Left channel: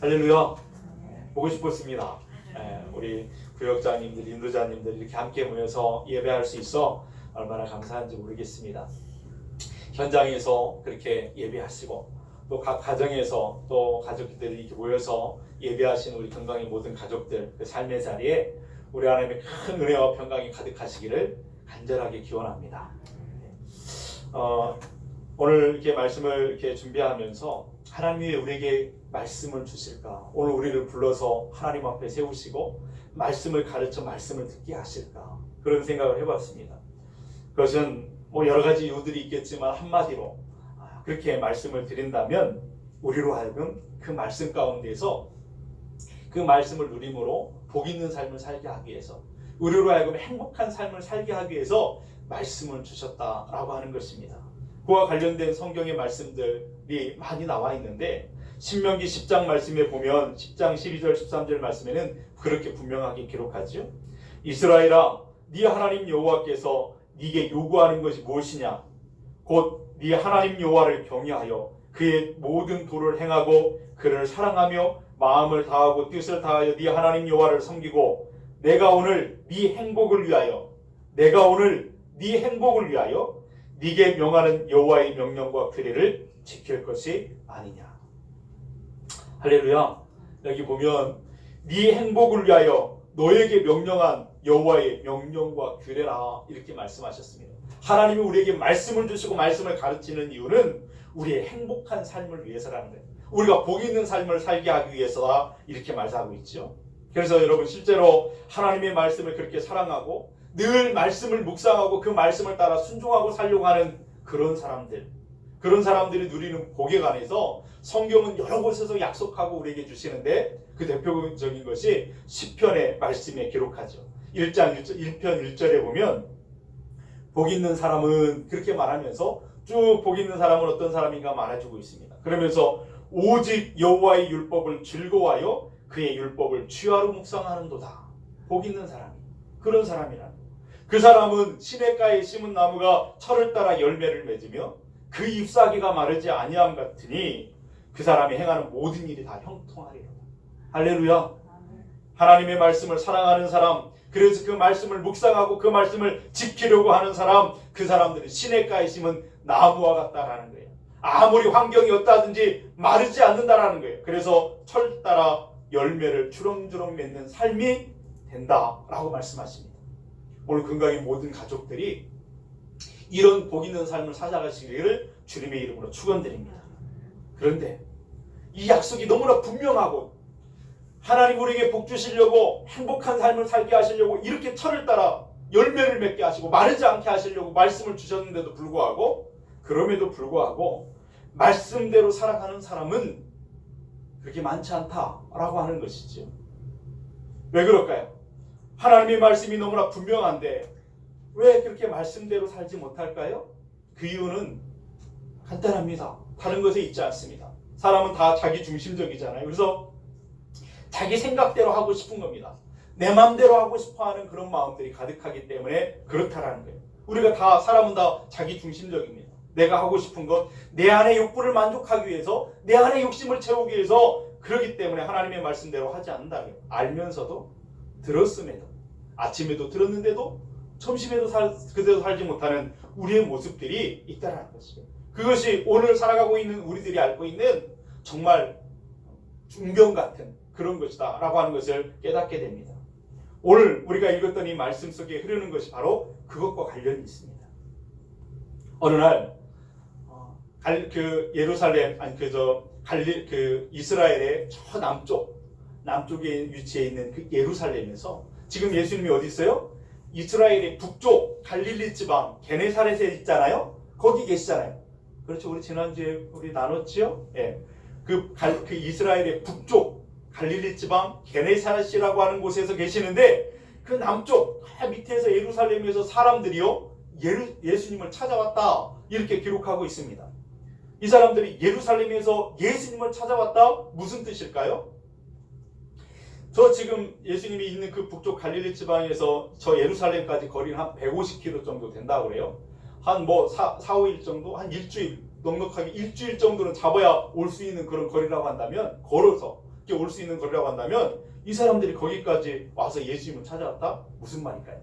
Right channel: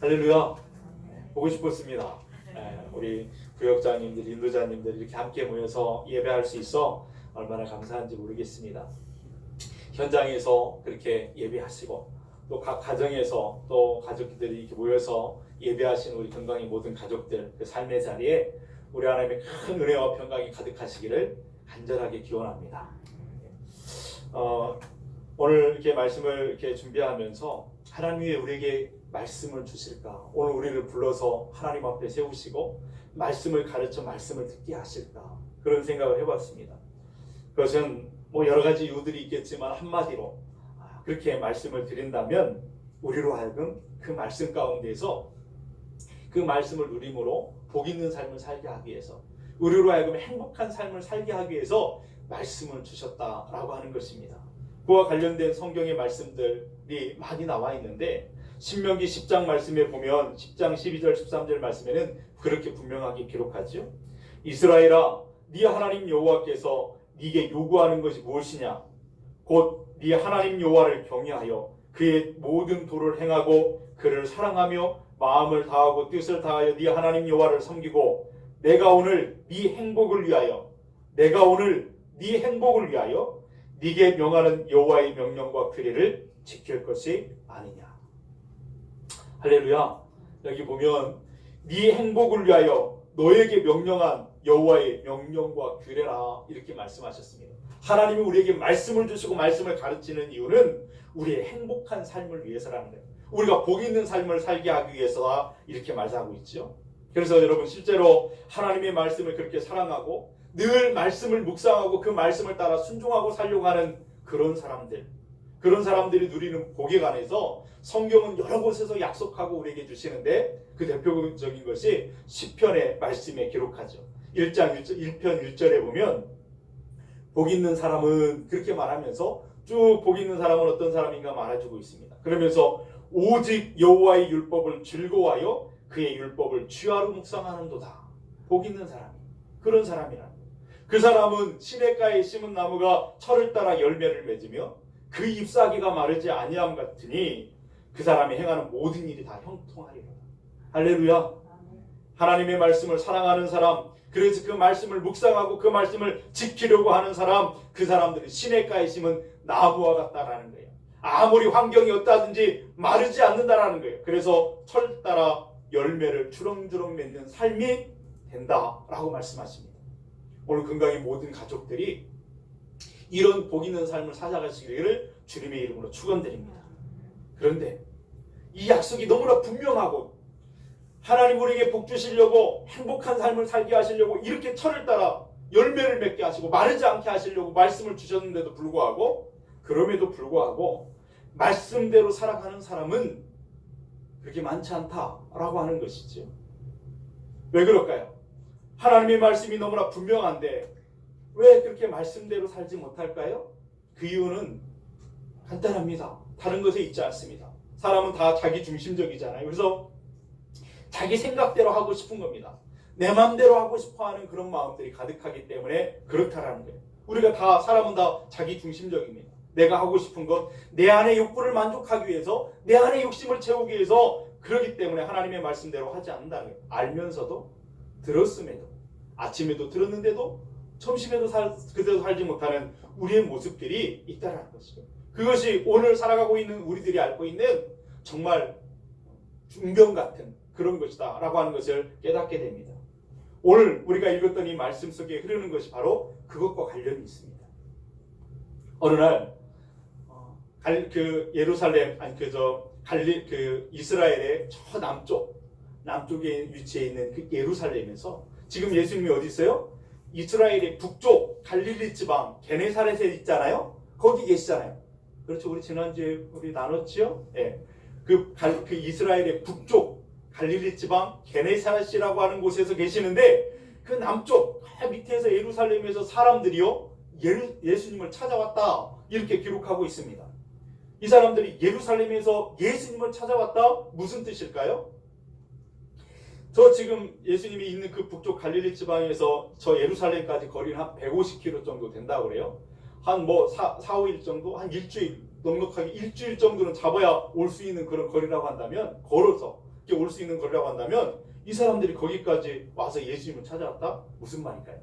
할렐루야. 보고 싶었습니다. 우리 구역장님들, 인도자님들 이렇게 함께 모여서 예배할 수 있어 얼마나 감사한지 모르겠습니다. 현장에서 그렇게 예배하시고 또 각 가정에서 또 가족들이 이렇게 모여서 예배하시는 우리 건강의 모든 가족들 그 삶의 자리에 우리 하나님의 큰 은혜와 평강이 가득하시기를 간절하게 기원합니다. 오늘 이렇게 말씀을 이렇게 준비하면서 하나님이 우리에게 말씀을 주실까? 오늘 우리를 불러서 하나님 앞에 세우시고 말씀을 가르쳐 말씀을 듣게 하실까? 그런 생각을 해봤습니다. 그것은 뭐 여러 가지 이유들이 있겠지만 한마디로 그렇게 말씀을 드린다면 우리로 하여금 그 말씀 가운데서 그 말씀을 누림으로 복 있는 삶을 살게 하기 위해서 우리로 하여금 행복한 삶을 살게 하기 위해서 말씀을 주셨다라고 하는 것입니다. 그와 관련된 성경의 말씀들이 많이 나와 있는데 신명기 10장 말씀에 보면 10장 12절 13절 말씀에는 그렇게 분명하게 기록하죠. 이스라엘아, 네 하나님 여호와께서 네게 요구하는 것이 무엇이냐? 곧 네 하나님 여호와를 경외하여 그의 모든 도를 행하고 그를 사랑하며 마음을 다하고 뜻을 다하여 네 하나님 여호와를 섬기고 내가 오늘 네 행복을 위하여 네게 명하는 여호와의 명령과 규례를 지킬 것이 아니냐. 할렐루야. 여기 보면 네 행복을 위하여 너에게 명령한 여호와의 명령과 규례라 이렇게 말씀하셨습니다. 하나님이 우리에게 말씀을 주시고 말씀을 가르치는 이유는 우리의 행복한 삶을 위해서라는 거예요. 우리가 복 있는 삶을 살게 하기 위해서다 이렇게 말하고 있죠. 그래서 여러분 실제로 하나님의 말씀을 그렇게 사랑하고 늘 말씀을 묵상하고 그 말씀을 따라 순종하고 살려고 하는 그런 사람들이 누리는 복에 관해서 성경은 여러 곳에서 약속하고 우리에게 주시는데 그 대표적인 것이 시편의 말씀에 기록하죠. 1편 1절에 보면 복 있는 사람은 그렇게 말하면서 쭉 복 있는 사람은 어떤 사람인가 말해주고 있습니다. 그러면서 오직 여호와의 율법을 즐거워하여 그의 율법을 취하로 묵상하는도다. 복 있는 사람이 그런 사람이라. 그 사람은 시냇가에 심은 나무가 철을 따라 열매를 맺으며 그 잎사귀가 마르지 아니함 같으니 그 사람이 행하는 모든 일이 다 형통하리로다. 할렐루야. 하나님의 말씀을 사랑하는 사람, 그래서 그 말씀을 묵상하고 그 말씀을 지키려고 하는 사람, 그 사람들은 시냇가에 심은 나무와 같다라는 거예요. 아무리 환경이 어떠하든지 마르지 않는다라는 거예요. 그래서 철 따라 열매를 주렁주렁 맺는 삶이 된다라고 말씀하십니다. 오늘 건강의 모든 가족들이 이런 복 있는 삶을 살아가시기를 주님의 이름으로 축원드립니다. 그런데 이 약속이 너무나 분명하고 하나님 우리에게 복 주시려고 행복한 삶을 살게 하시려고 이렇게 철을 따라 열매를 맺게 하시고 마르지 않게 하시려고 말씀을 주셨는데도 불구하고 그럼에도 불구하고 말씀대로 살아가는 사람은 그렇게 많지 않다라고 하는 것이죠. 왜 그럴까요? 하나님의 말씀이 너무나 분명한데 왜 그렇게 말씀대로 살지 못할까요? 그 이유는 간단합니다. 다른 것에 있지 않습니다. 사람은 다 자기 중심적이잖아요. 그래서 자기 생각대로 하고 싶은 겁니다. 내 마음대로 하고 싶어하는 그런 마음들이 가득하기 때문에 그렇다라는 거예요. 우리가 다 사람은 다 자기 중심적입니다. 내가 하고 싶은 것, 내 안의 욕구를 만족하기 위해서 내 안의 욕심을 채우기 위해서 그러기 때문에 하나님의 말씀대로 하지 않는다는 거예요. 알면서도 들었음에도 아침에도 들었는데도 점심에도 그대로 살지 못하는 우리의 모습들이 있다는 것이죠. 그것이 오늘 살아가고 있는 우리들이 앓고 있는 정말 중병 같은 그런 것이다 라고 하는 것을 깨닫게 됩니다. 오늘 우리가 읽었던 이 말씀 속에 흐르는 것이 바로 그것과 관련이 있습니다. 어느 날 이스라엘의 저 남쪽에 위치해 있는 그 예루살렘에서 지금 예수님이 어디 있어요? 이스라엘의 북쪽 갈릴리 지방 게네사렛에 있잖아요. 거기 계시잖아요. 그렇죠. 우리 지난주에 우리 나눴죠. 예. 그 이스라엘의 북쪽 갈릴리 지방 게네사렛이라고 하는 곳에서 계시는데 그 남쪽 밑에서 예루살렘에서 사람들이요 예수님을 찾아왔다 이렇게 기록하고 있습니다. 이 사람들이 예루살렘에서 예수님을 찾아왔다 무슨 뜻일까요? 저 지금 예수님이 있는 그 북쪽 갈릴리 지방에서 저 예루살렘까지 거리는 한 150km 정도 된다고 그래요. 한 4, 5일 정도, 한 일주일 넉넉하게 일주일 정도는 잡아야 올 수 있는 그런 거리라고 한다면 걸어서 이렇게 올 수 있는 거라고 한다면 이 사람들이 거기까지 와서 예수님을 찾아왔다? 무슨 말일까요?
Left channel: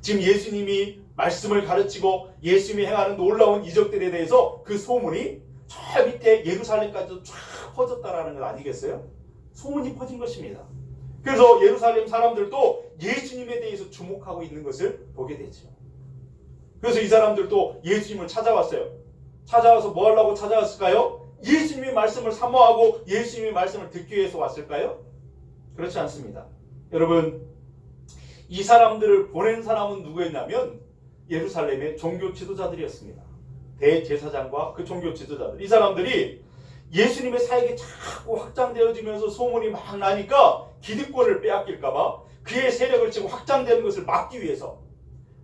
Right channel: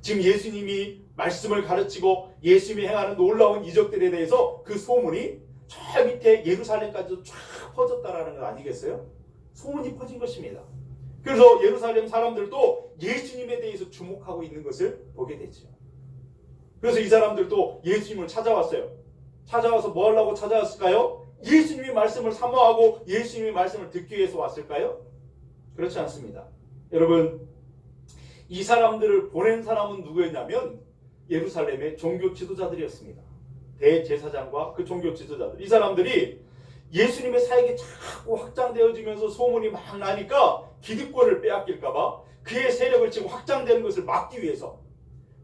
지금 예수님이 말씀을 가르치고 예수님이 행하는 놀라운 이적들에 대해서 그 소문이 저 밑에 예루살렘까지도 쫙 퍼졌다라는 것 아니겠어요? 소문이 퍼진 것입니다. 그래서 예루살렘 사람들도 예수님에 대해서 주목하고 있는 것을 보게 되죠. 그래서 이 사람들도 예수님을 찾아왔어요. 찾아와서 뭐 하려고 찾아왔을까요? 예수님의 말씀을 사모하고 예수님의 말씀을 듣기 위해서 왔을까요? 그렇지 않습니다. 여러분, 이 사람들을 보낸 사람은 누구였냐면 예루살렘의 종교 지도자들이었습니다. 대제사장과 그 종교 지도자들. 이 사람들이 예수님의 사역이 자꾸 확장되어지면서 소문이 막 나니까 기득권을 빼앗길까봐 그의 세력을 지금 확장되는 것을 막기 위해서,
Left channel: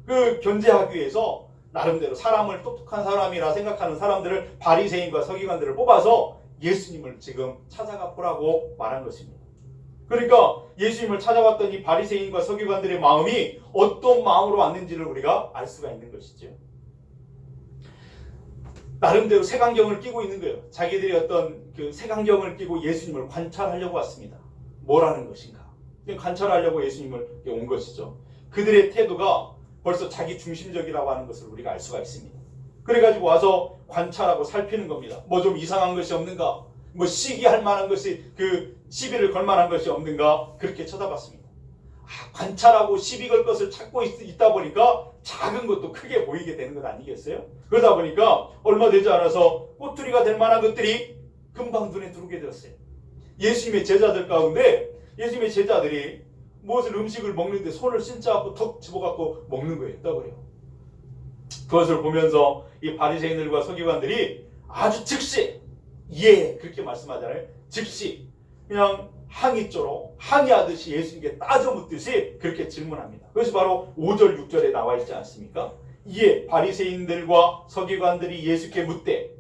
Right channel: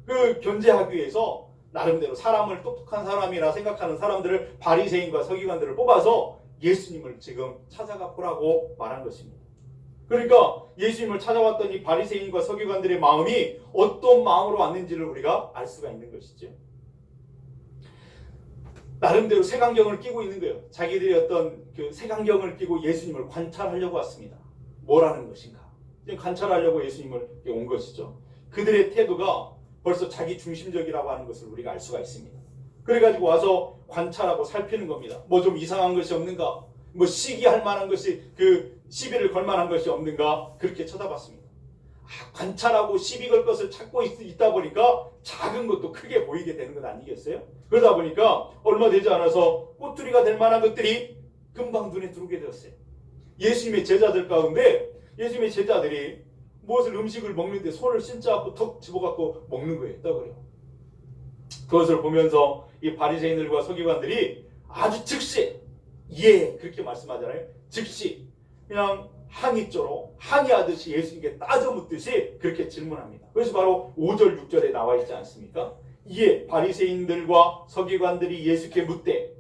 그 견제하기 위해서 나름대로 사람을 똑똑한 사람이라 생각하는 사람들을, 바리새인과 서기관들을 뽑아서 예수님을 지금 찾아가 보라고 말한 것입니다. 그러니까 예수님을 찾아왔던 이 바리새인과 서기관들의 마음이 어떤 마음으로 왔는지를 우리가 알 수가 있는 것이죠. 나름대로 색안경을 끼고 있는 거예요. 자기들이 어떤 그 색안경을 끼고 예수님을 관찰하려고 왔습니다. 뭐라는 것인가? 관찰하려고 예수님을 온 것이죠. 그들의 태도가 벌써 자기 중심적이라고 하는 것을 우리가 알 수가 있습니다. 그래가지고 와서 관찰하고 살피는 겁니다. 뭐 좀 이상한 것이 없는가? 뭐 시기할 만한 것이, 그 시비를 걸 만한 것이 없는가? 그렇게 쳐다봤습니다. 관찰하고 시비 걸 것을 찾고 있다 보니까 작은 것도 크게 보이게 되는 것 아니겠어요? 그러다 보니까 얼마 되지 않아서 꼬투리가 될 만한 것들이 금방 눈에 들어오게 되었어요. 예수님의 제자들 가운데 예수님의 제자들이 무엇을 음식을 먹는데 손을 씻자고 턱 집어갖고 먹는 거예요. 떠버려. 그것을 보면서 이 바리새인들과 서기관들이 아주 즉시, 예, 그렇게 말씀하잖아요. 즉시 그냥 항의조로 항의하듯이 예수님께 따져 묻듯이 그렇게 질문합니다. 그것이 바로 5절 6절에 나와 있지 않습니까? 이에 바리새인들과 서기관들이 예수께 묻되,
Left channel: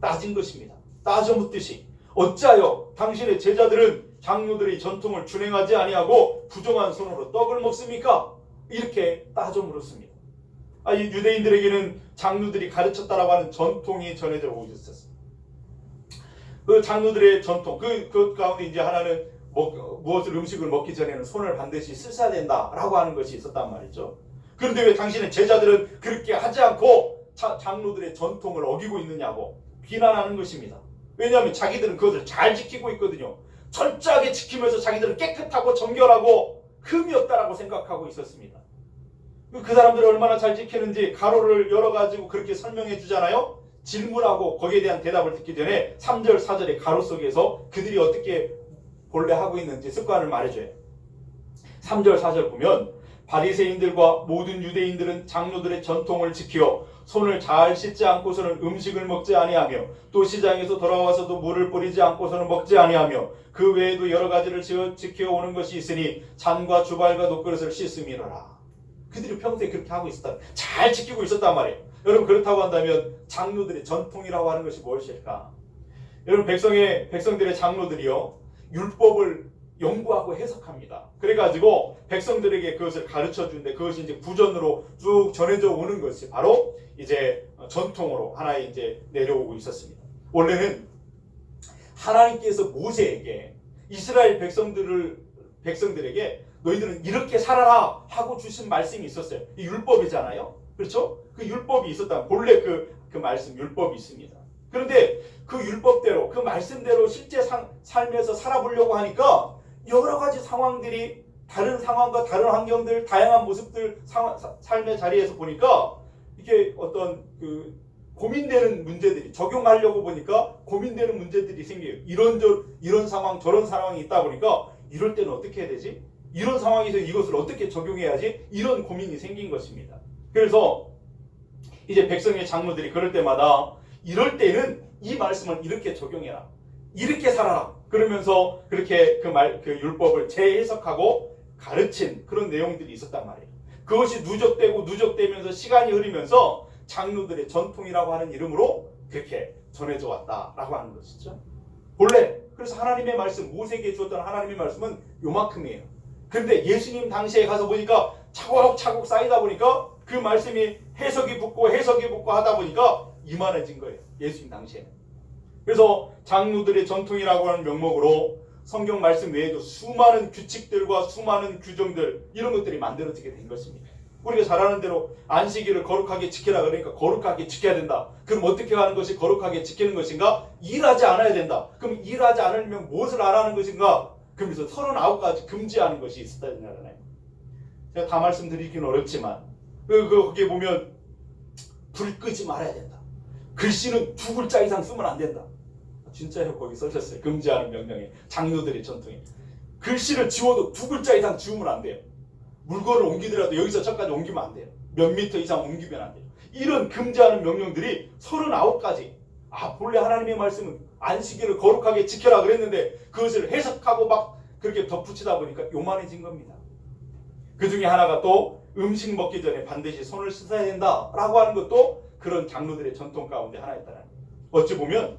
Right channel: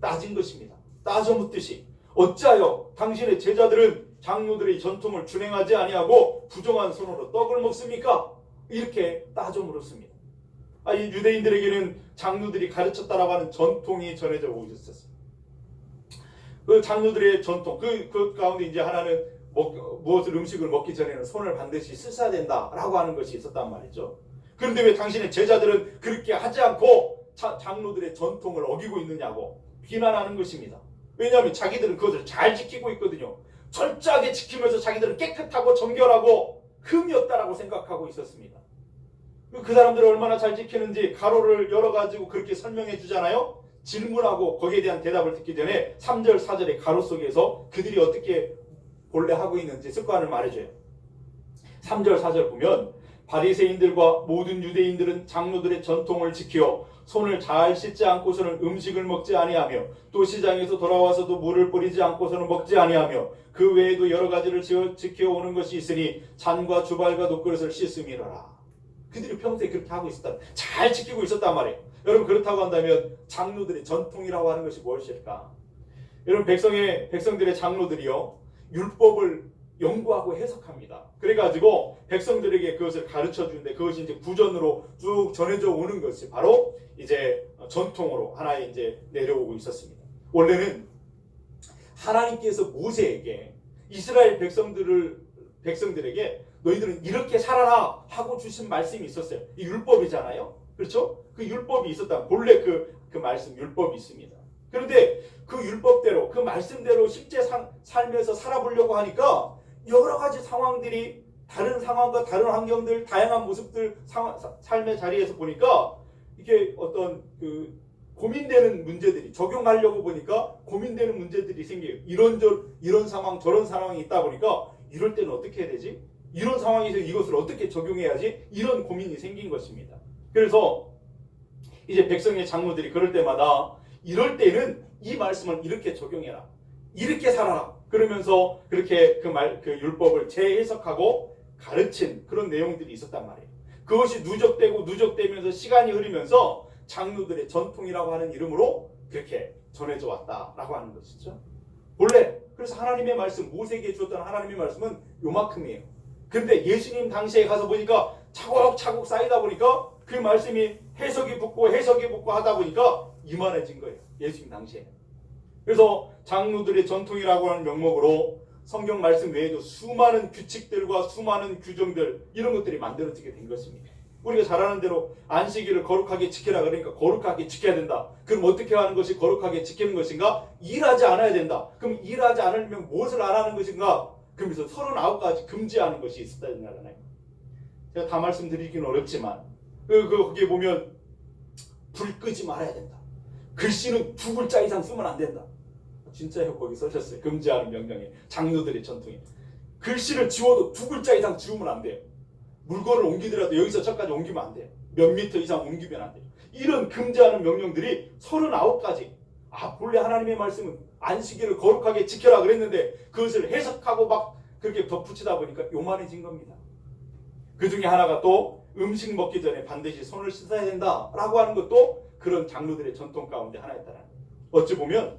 따진 것입니다. 따져 묻듯이, 어찌하여 당신의 제자들은 장로들의 전통을 준행하지 아니하고 부정한 손으로 떡을 먹습니까? 이렇게 따져 물었습니다. 이 유대인들에게는 장로들이 가르쳤다라고 하는 전통이 전해져 오고 있었어요. 그 장로들의 전통, 그 가운데 이제 하나는 무엇을 음식을 먹기 전에는 손을 반드시 씻어야 된다라고 하는 것이 있었단 말이죠. 그런데 왜 당신의 제자들은 그렇게 하지 않고 장로들의 전통을 어기고 있느냐고 비난하는 것입니다. 왜냐하면 자기들은 그것을 잘 지키고 있거든요. 철저하게 지키면서 자기들은 깨끗하고 정결하고 흠이 없다라고 생각하고 있었습니다. 그 사람들을 얼마나 잘 지키는지 가로를 열어가지고 그렇게 설명해 주잖아요. 질문하고 거기에 대한 대답을 듣기 전에 3절 4절의 가로 속에서 그들이 어떻게 본래 하고 있는지 습관을 말해줘요. 3절 4절 보면 바리새인들과 모든 유대인들은 장로들의 전통을 지켜 손을 잘 씻지 않고서는 음식을 먹지 아니하며 또 시장에서 돌아와서도 물을 뿌리지 않고서는 먹지 아니하며 그 외에도 여러 가지를 지켜오는 것이 있으니 잔과 주발과 놋그릇을 씻음이로라. 그들이 평소에 그렇게 하고 있었다. 잘 지키고 있었단 말이에요. 여러분, 그렇다고 한다면 장로들의 전통이라고 하는 것이 무엇일까? 여러분, 백성들의 장로들이요, 율법을 연구하고 해석합니다. 그래가지고 백성들에게 그것을 가르쳐 주는데 그것이 이제 구전으로 쭉 전해져 오는 것이 바로 이제 전통으로 하나의 이제 내려오고 있었습니다. 원래는 하나님께서 모세에게 이스라엘 백성들에게 너희들은 이렇게 살아라 하고 주신 말씀이 있었어요. 이 율법이잖아요. 그렇죠? 그 율법이 있었다. 본래 그 말씀 율법이 있습니다. 그런데 그 율법대로, 그 말씀대로 실제 삶에서 살아보려고 하니까 여러 가지 상황들이, 다른 상황과 다른 환경들, 다양한 모습들, 삶의 자리에서 보니까 이게 어떤 그 고민되는 문제들이, 적용하려고 보니까 고민되는 문제들이 생겨요. 이런 상황, 저런 상황이 있다 보니까 이럴 때는 어떻게 해야 되지? 이런 상황에서 이것을 어떻게 적용해야지? 이런 고민이 생긴 것입니다. 그래서 이제 백성의 장로들이 그럴 때마다 이럴 때는 이 말씀을 이렇게 적용해라, 이렇게 살아라, 그러면서 그렇게 그 율법을 재해석하고 가르친 그런 내용들이 있었단 말이에요. 그것이 누적되면서 시간이 흐르면서 장로들의 전통이라고 하는 이름으로 그렇게 전해져 왔다라고 하는 것이죠. 본래 그래서 하나님의 말씀, 모세에게 주었던 하나님의 말씀은 요만큼이에요. 그런데 예수님 당시에 가서 보니까 차곡차곡 쌓이다 보니까 그 말씀이 해석이 붙고 하다 보니까 이만해진 거예요. 예수님 당시에. 그래서 장로들의 전통이라고 하는 명목으로 성경 말씀 외에도 수많은 규칙들과 수많은 규정들 이런 것들이 만들어지게 된 것입니다. 우리가 잘 아는 대로 안식일을 거룩하게 지키라 그러니까 거룩하게 지켜야 된다. 그럼 어떻게 하는 것이 거룩하게 지키는 것인가? 일하지 않아야 된다. 그럼 일하지 않으면 무엇을 안 하는 것인가? 그러면서 39가지 금지하는 것이 있었다는 거잖아요. 제가 다 말씀드리기는 어렵지만 거기에 보면 불 끄지 말아야 된다. 글씨는 2글자 이상 쓰면 안 된다. 진짜요? 거기 써졌어요. 금지하는 명령에 장로들의 전통에 글씨를 지워도 2글자 이상 지우면 안 돼요. 물건을 옮기더라도 여기서 저까지 옮기면 안 돼요. 몇 미터 이상 옮기면 안 돼요. 이런 금지하는 명령들이 39가지. 본래 하나님의 말씀은 안식일을 거룩하게 지켜라 그랬는데 그것을 해석하고 막 그렇게 덧붙이다 보니까 요만해진 겁니다. 그 중에 하나가 또 음식 먹기 전에 반드시 손을 씻어야 된다라고 하는 것도 그런 장로들의 전통 가운데 하나였다는 거예요. 어찌 보면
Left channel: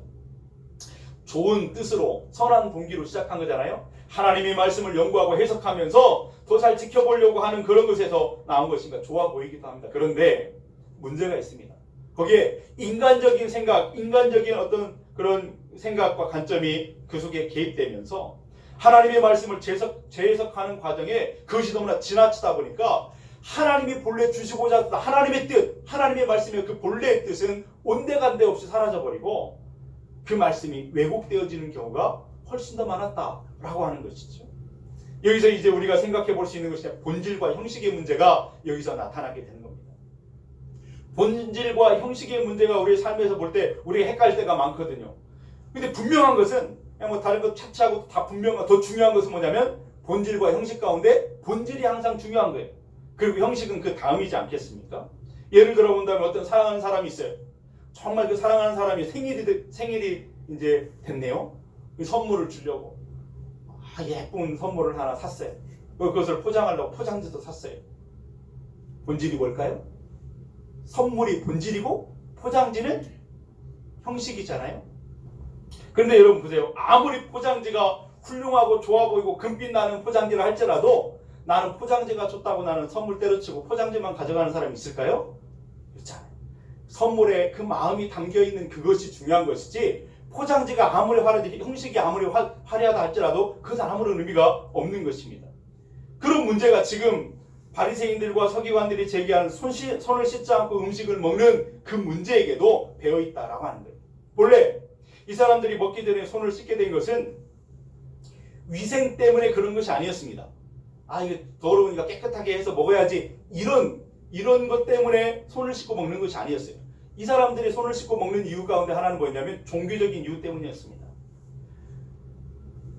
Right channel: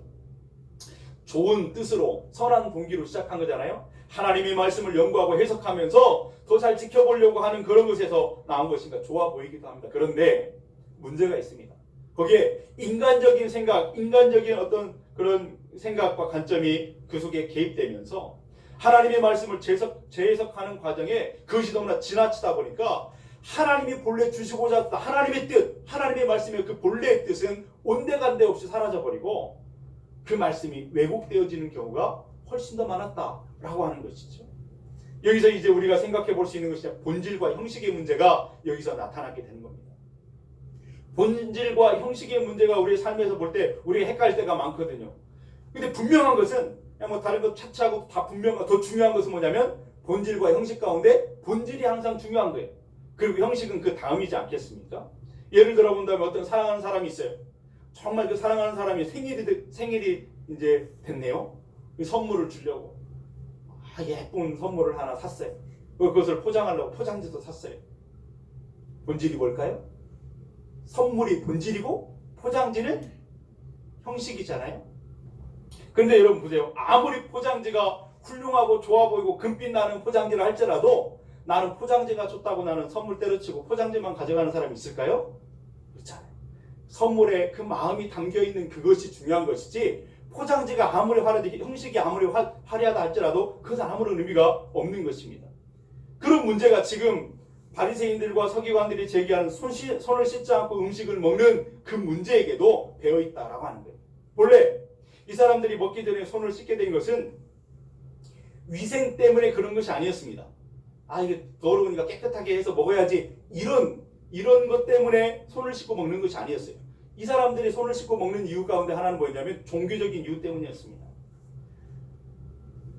좋은 뜻으로 선한 동기로 시작한 거잖아요. 하나님의 말씀을 연구하고 해석하면서 더 잘 지켜보려고 하는 그런 것에서 나온 것인가 좋아 보이기도 합니다. 그런데 문제가 있습니다. 거기에 인간적인 생각, 인간적인 어떤 그런 생각과 관점이 그 속에 개입되면서 하나님의 말씀을 재해석하는 과정에 그것이 너무나 지나치다 보니까 하나님이 본래 주시고자 했던 하나님의 뜻, 하나님의 말씀의 그 본래의 뜻은 온데간데 없이 사라져버리고 그 말씀이 왜곡되어지는 경우가 훨씬 더 많았다라고 하는 것이죠. 여기서 이제 우리가 생각해 볼 수 있는 것이 본질과 형식의 문제가 여기서 나타나게 되는 겁니다. 본질과 형식의 문제가 우리의 삶에서 볼 때 우리가 헷갈릴 때가 많거든요. 근데 분명한 것은 그냥 뭐 다른 것 차치하고 다 분명한 더 중요한 것은 뭐냐면 본질과 형식 가운데 본질이 항상 중요한 거예요. 그리고 형식은 그 다음이지 않겠습니까? 예를 들어 본다면 어떤 사랑하는 사람이 있어요. 정말 그 사랑하는 사람이 생일이 이제 됐네요. 그 선물을 주려고 예쁜 선물을 하나 샀어요. 그것을 포장하려고 포장지도 샀어요. 본질이 뭘까요? 선물이 본질이고 포장지는 형식이잖아요. 그런데 여러분 보세요. 아무리 포장지가 훌륭하고 좋아 보이고 금빛 나는 포장지를 할지라도 나는 포장지가 좋다고 나는 선물 때려치고 포장지만 가져가는 사람이 있을까요? 그렇지 않아요. 선물에 그 마음이 담겨있는 그것이 중요한 것이지 포장지가 아무리 화려하고 형식이 아무리 화려하다 할지라도 그것은 아무런 의미가 없는 것입니다. 그런 문제가 지금 바리새인들과 서기관들이 제기하는 손을 씻지 않고 음식을 먹는 그 문제에게도 배어있다라고 하는 거예요. 본래 이 사람들이 먹기 전에 손을 씻게 된 것은 위생 때문에 그런 것이 아니었습니다. 이게 더러우니까 깨끗하게 해서 먹어야지 이런 것 때문에 손을 씻고 먹는 것이 아니었어요. 이 사람들이 손을 씻고 먹는 이유 가운데 하나는 뭐냐면 종교적인 이유 때문이었습니다.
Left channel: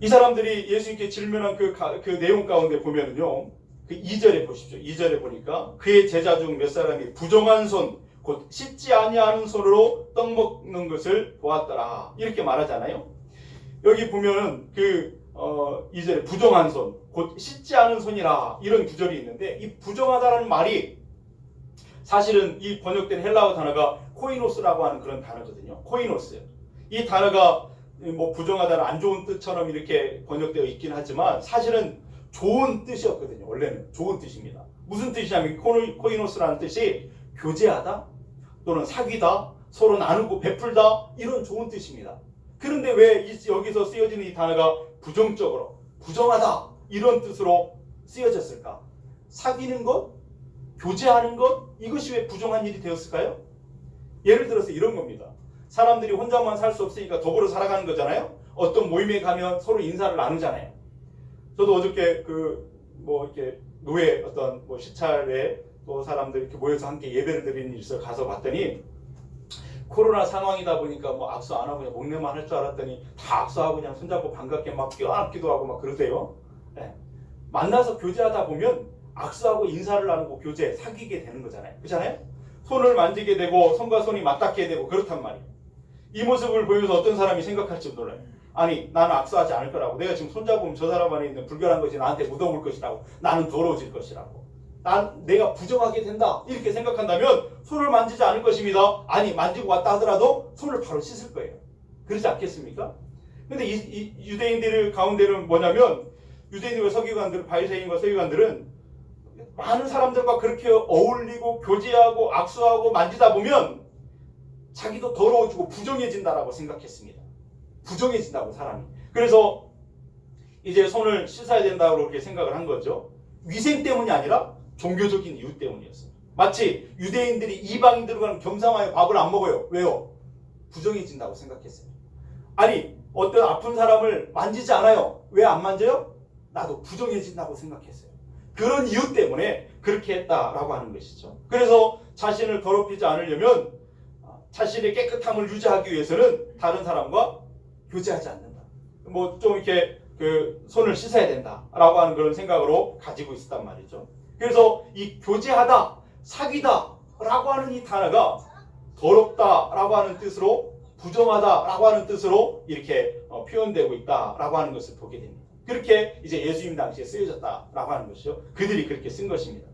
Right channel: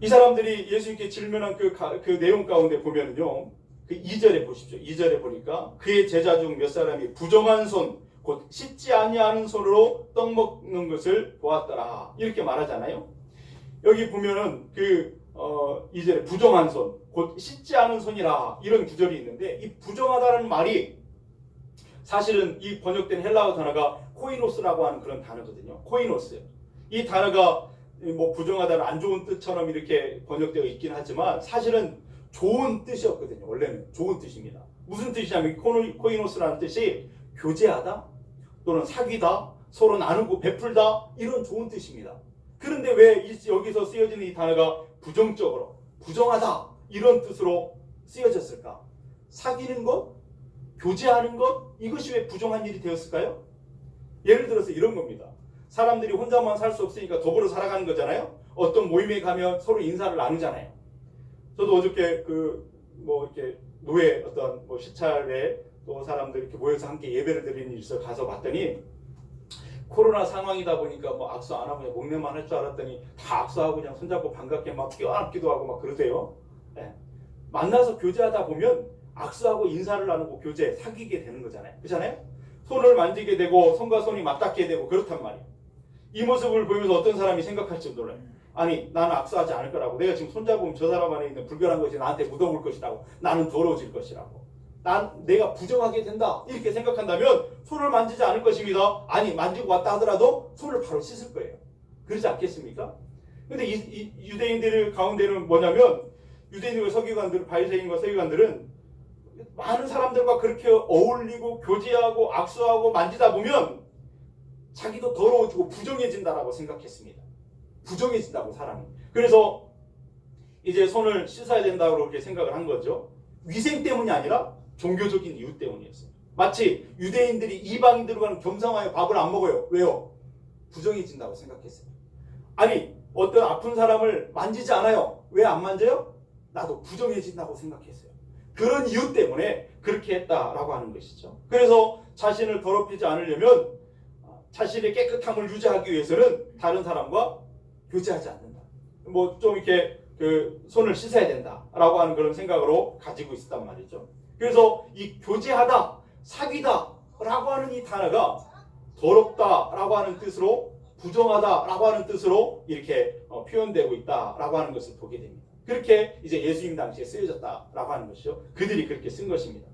이 사람들이 예수님께 질문한 그 내용 가운데 보면은요, 그 2절에 보십시오. 2절에 보니까 그의 제자 중 몇 사람이 부정한 손, 곧 씻지 아니하는 손으로 떡 먹는 것을 보았더라. 이렇게 말하잖아요. 여기 보면은 2절에 부정한 손, 곧 씻지 않은 손이라 이런 구절이 있는데 이 부정하다는 말이 사실은 이 번역된 헬라어 단어가 코이노스라고 하는 그런 단어거든요. 코이노스. 이 단어가 뭐 부정하다는 안 좋은 뜻처럼 이렇게 번역되어 있긴 하지만 사실은 좋은 뜻이었거든요. 원래는 좋은 뜻입니다. 무슨 뜻이냐면 코이노스라는 뜻이 교제하다 또는 사귀다, 서로 나누고 베풀다 이런 좋은 뜻입니다. 그런데 왜 여기서 쓰여지는 이 단어가 부정적으로 부정하다 이런 뜻으로 쓰여졌을까? 사귀는 것, 교제하는 것 이것이 왜 부정한 일이 되었을까요? 예를 들어서 이런 겁니다. 사람들이 혼자만 살 수 없으니까 더불어 살아가는 거잖아요. 어떤 모임에 가면 서로 인사를 나누잖아요. 저도 어저께 이렇게 노예 어떤 시찰에 또 사람들 이렇게 모여서 함께 예배를 드리는 일이 있어 가서 봤더니 코로나 상황이다 보니까 악수 안 하고 그냥 목례만 할 줄 알았더니 다 악수하고 그냥 손잡고 반갑게 막 껴안기도 하고 막 그러세요. 네. 만나서 교제하다 보면 악수하고 인사를 나누고 교제, 사귀게 되는 거잖아요. 그렇잖아요? 손을 만지게 되고 손과 손이 맞닿게 되고 그렇단 말이에요. 이 모습을 보면서 어떤 사람이 생각할지 몰라요. 아니 나는 악수하지 않을 거라고. 내가 지금 손잡으면 저 사람 안에 있는 불결한 것이 나한테 묻어올 것이라고. 나는 더러워질 것이라고. 내가 부정하게 된다. 이렇게 생각한다면 손을 만지지 않을 것입니다. 아니 만지고 왔다 하더라도 손을 바로 씻을 거예요. 그렇지 않겠습니까? 근데 이 유대인들 가운데는 뭐냐면 유대인과 서기관들, 바리새인과 서기관들은 많은 사람들과 그렇게 어울리고 교제하고 악수하고 만지다 보면 자기도 더러워지고 부정해진다라고 생각했습니다. 부정해진다고 사람이. 그래서 이제 손을 씻어야 된다고 그렇게 생각을 한 거죠. 위생 때문이 아니라 종교적인 이유 때문이었어요. 마치 유대인들이 이방인들과는 겸상하여 밥을 안 먹어요. 왜요? 부정해진다고 생각했어요. 아니, 어떤 아픈 사람을 만지지 않아요. 왜 안 만져요? 나도 부정해진다고 생각했어요. 그런 이유 때문에 그렇게 했다라고 하는 것이죠. 그래서 자신을 더럽히지 않으려면 자신의 깨끗함을 유지하기 위해서는 다른 사람과 교제하지 않는다. 뭐 좀 이렇게 그 손을 씻어야 된다라고 하는 그런 생각으로 가지고 있었단 말이죠. 그래서 이 교제하다, 사귀다라고 하는 이 단어가 더럽다라고 하는 뜻으로, 부정하다라고 하는 뜻으로 이렇게 표현되고 있다라고 하는 것을 보게 됩니다. 그렇게 이제 예수님 당시에 쓰여졌다라고 하는 것이죠. 그들이 그렇게 쓴 것입니다.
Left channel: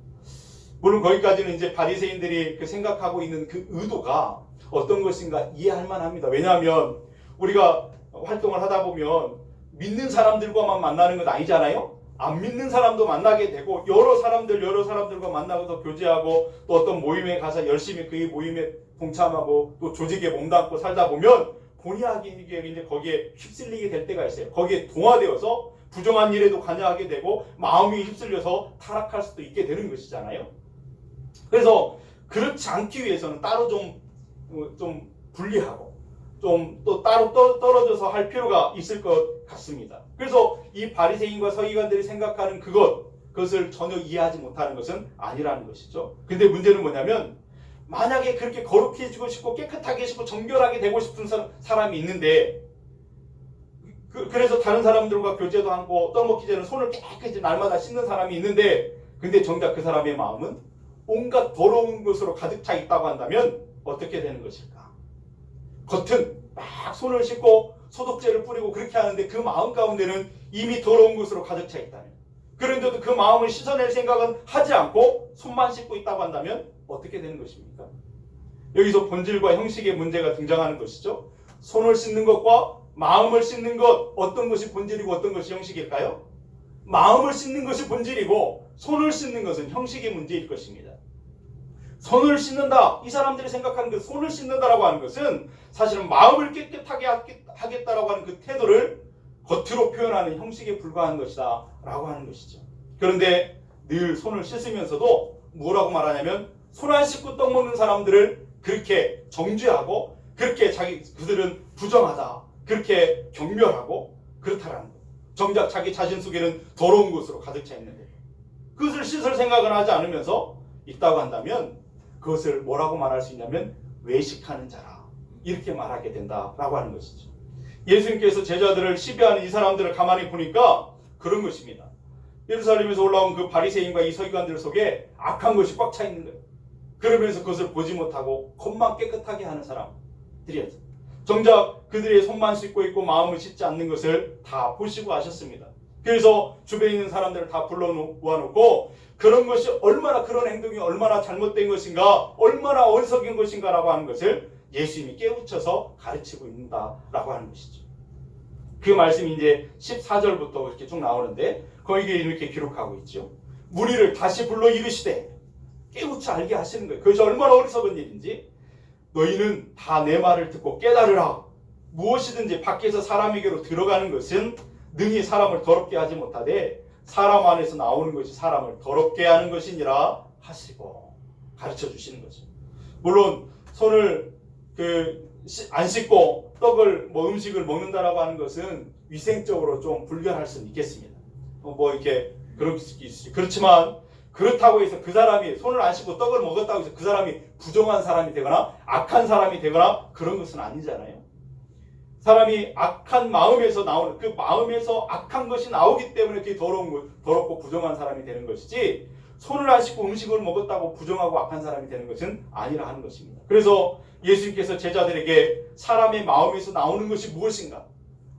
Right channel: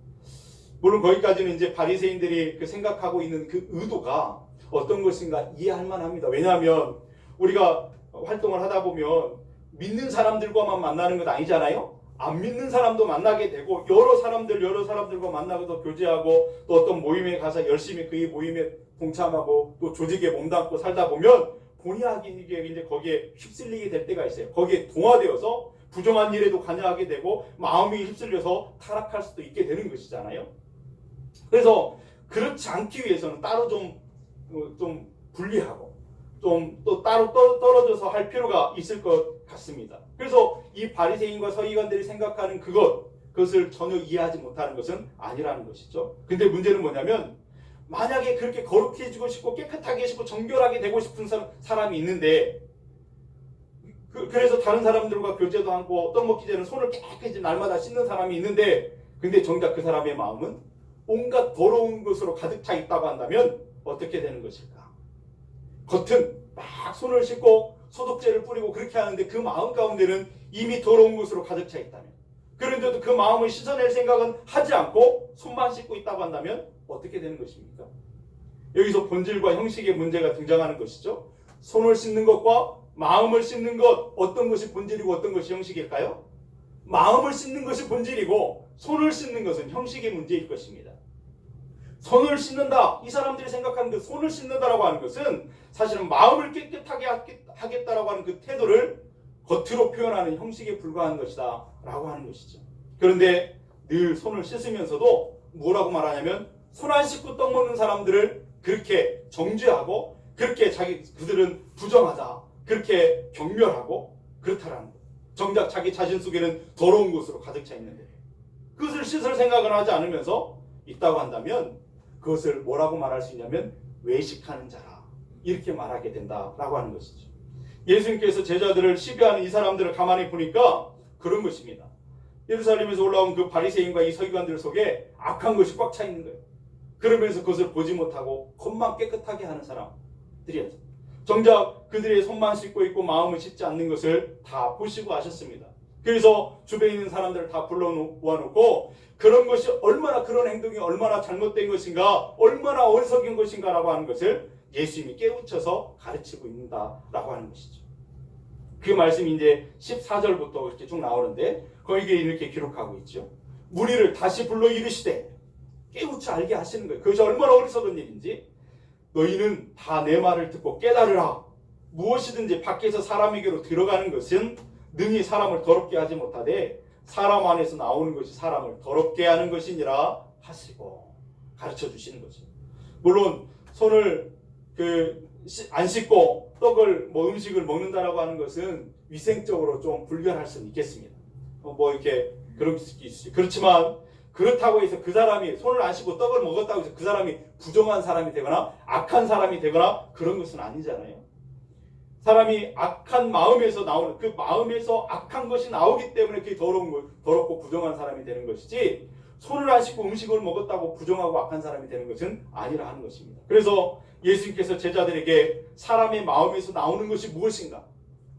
물론 거기까지는 이제 바리새인들이 그 생각하고 있는 그 의도가 어떤 것인가 이해할 만합니다. 왜냐하면 우리가 활동을 하다 보면 믿는 사람들과만 만나는 건 아니잖아요. 안 믿는 사람도 만나게 되고 여러 사람들과 만나서 교제하고 또 어떤 모임에 가서 열심히 그 모임에 동참하고 또 조직에 몸담고 살다 보면 본의 아니게 이제 거기에 휩쓸리게 될 때가 있어요. 거기에 동화되어서 부정한 일에도 관여하게 되고 마음이 휩쓸려서 타락할 수도 있게 되는 것이잖아요. 그래서 그렇지 않기 위해서는 따로 좀 분리하고 좀 또 따로 떨어져서 할 필요가 있을 것 같습니다. 그래서 이 바리새인과 서기관들이 생각하는 그것을 전혀 이해하지 못하는 것은 아니라는 것이죠. 근데 문제는 뭐냐면 만약에 그렇게 거룩해지고 싶고 깨끗하게 싶고 정결하게 되고 싶은 사람이 있는데 그래서 다른 사람들과 교제도 하고 떡먹기 전에 손을 깨끗이 날마다 씻는 사람이 있는데 근데 정작 그 사람의 마음은 온갖 더러운 것으로 가득 차 있다고 한다면 어떻게 되는 것일까? 겉은 막 손을 씻고 소독제를 뿌리고 그렇게 하는데 그 마음 가운데는 이미 더러운 것으로 가득 차 있다면, 그런데도 그 마음을 씻어낼 생각은 하지 않고 손만 씻고 있다고 한다면 어떻게 되는 것입니까? 여기서 본질과 형식의 문제가 등장하는 것이죠. 손을 씻는 것과 마음을 씻는 것, 어떤 것이 본질이고 어떤 것이 형식일까요? 마음을 씻는 것이 본질이고 손을 씻는 것은 형식의 문제일 것입니다. 손을 씻는다, 이 사람들이 생각하는 그 손을 씻는다라고 하는 것은 사실은 마음을 깨끗하게 하겠다라고 하는 그 태도를 겉으로 표현하는 형식에 불과한 것이다 라고 하는 것이죠. 그런데 늘 손을 씻으면서도 뭐라고 말하냐면 손 안 씻고 떡 먹는 사람들을 그렇게 정죄하고 그렇게 그들은 부정하다, 그렇게 경멸하고 그렇다라는 것. 정작 자기 자신 속에는 더러운 것으로 가득 차 있는데 그것을 씻을 생각을 하지 않으면서 있다고 한다면 그것을 뭐라고 말할 수 있냐면 외식하는 자라, 이렇게 말하게 된다라고 하는 것이죠. 예수님께서 제자들을 시비하는 이 사람들을 가만히 보니까 그런 것입니다. 예루살렘에서 올라온 그 바리새인과 이 서기관들 속에 악한 것이 꽉 차 있는 거예요. 그러면서 그것을 보지 못하고 겉만 깨끗하게 하는 사람들이었어요. 정작 그들의 손만 씻고 있고 마음을 씻지 않는 것을 다 보시고 아셨습니다. 그래서 주변에 있는 사람들을 다 불러 모아놓고 그런 것이 얼마나, 그런 행동이 얼마나 잘못된 것인가, 얼마나 어리석은 것인가라고 하는 것을 예수님이 깨우쳐서 가르치고 있다라고 하는 것이죠. 그 말씀이 이제 14절부터 이렇게 쭉 나오는데 거기에 이렇게 기록하고 있죠. 무리를 다시 불러 이르시되, 깨우쳐 알게 하시는 거예요. 그것이 얼마나 어리석은 일인지. 너희는 다 내 말을 듣고 깨달으라. 무엇이든지 밖에서 사람에게로 들어가는 것은 능히 사람을 더럽게 하지 못하되 사람 안에서 나오는 것이 사람을 더럽게 하는 것이니라 하시고 가르쳐 주시는 거죠. 물론 손을 안 씻고 떡을 음식을 먹는다라고 하는 것은 위생적으로 좀 불편할 수는 있겠습니다. 이렇게 그럴 수 있죠. 그렇지만 그렇다고 해서 그 사람이 손을 안 씻고 떡을 먹었다고 해서 그 사람이 부정한 사람이 되거나 악한 사람이 되거나 그런 것은 아니잖아요. 사람이 악한 마음에서 나오는, 그 마음에서 악한 것이 나오기 때문에 그게 더럽고 부정한 사람이 되는 것이지, 손을 안 씻고 음식을 먹었다고 부정하고 악한 사람이 되는 것은 아니라 하는 것입니다. 그래서 예수님께서 제자들에게 사람의 마음에서 나오는 것이 무엇인가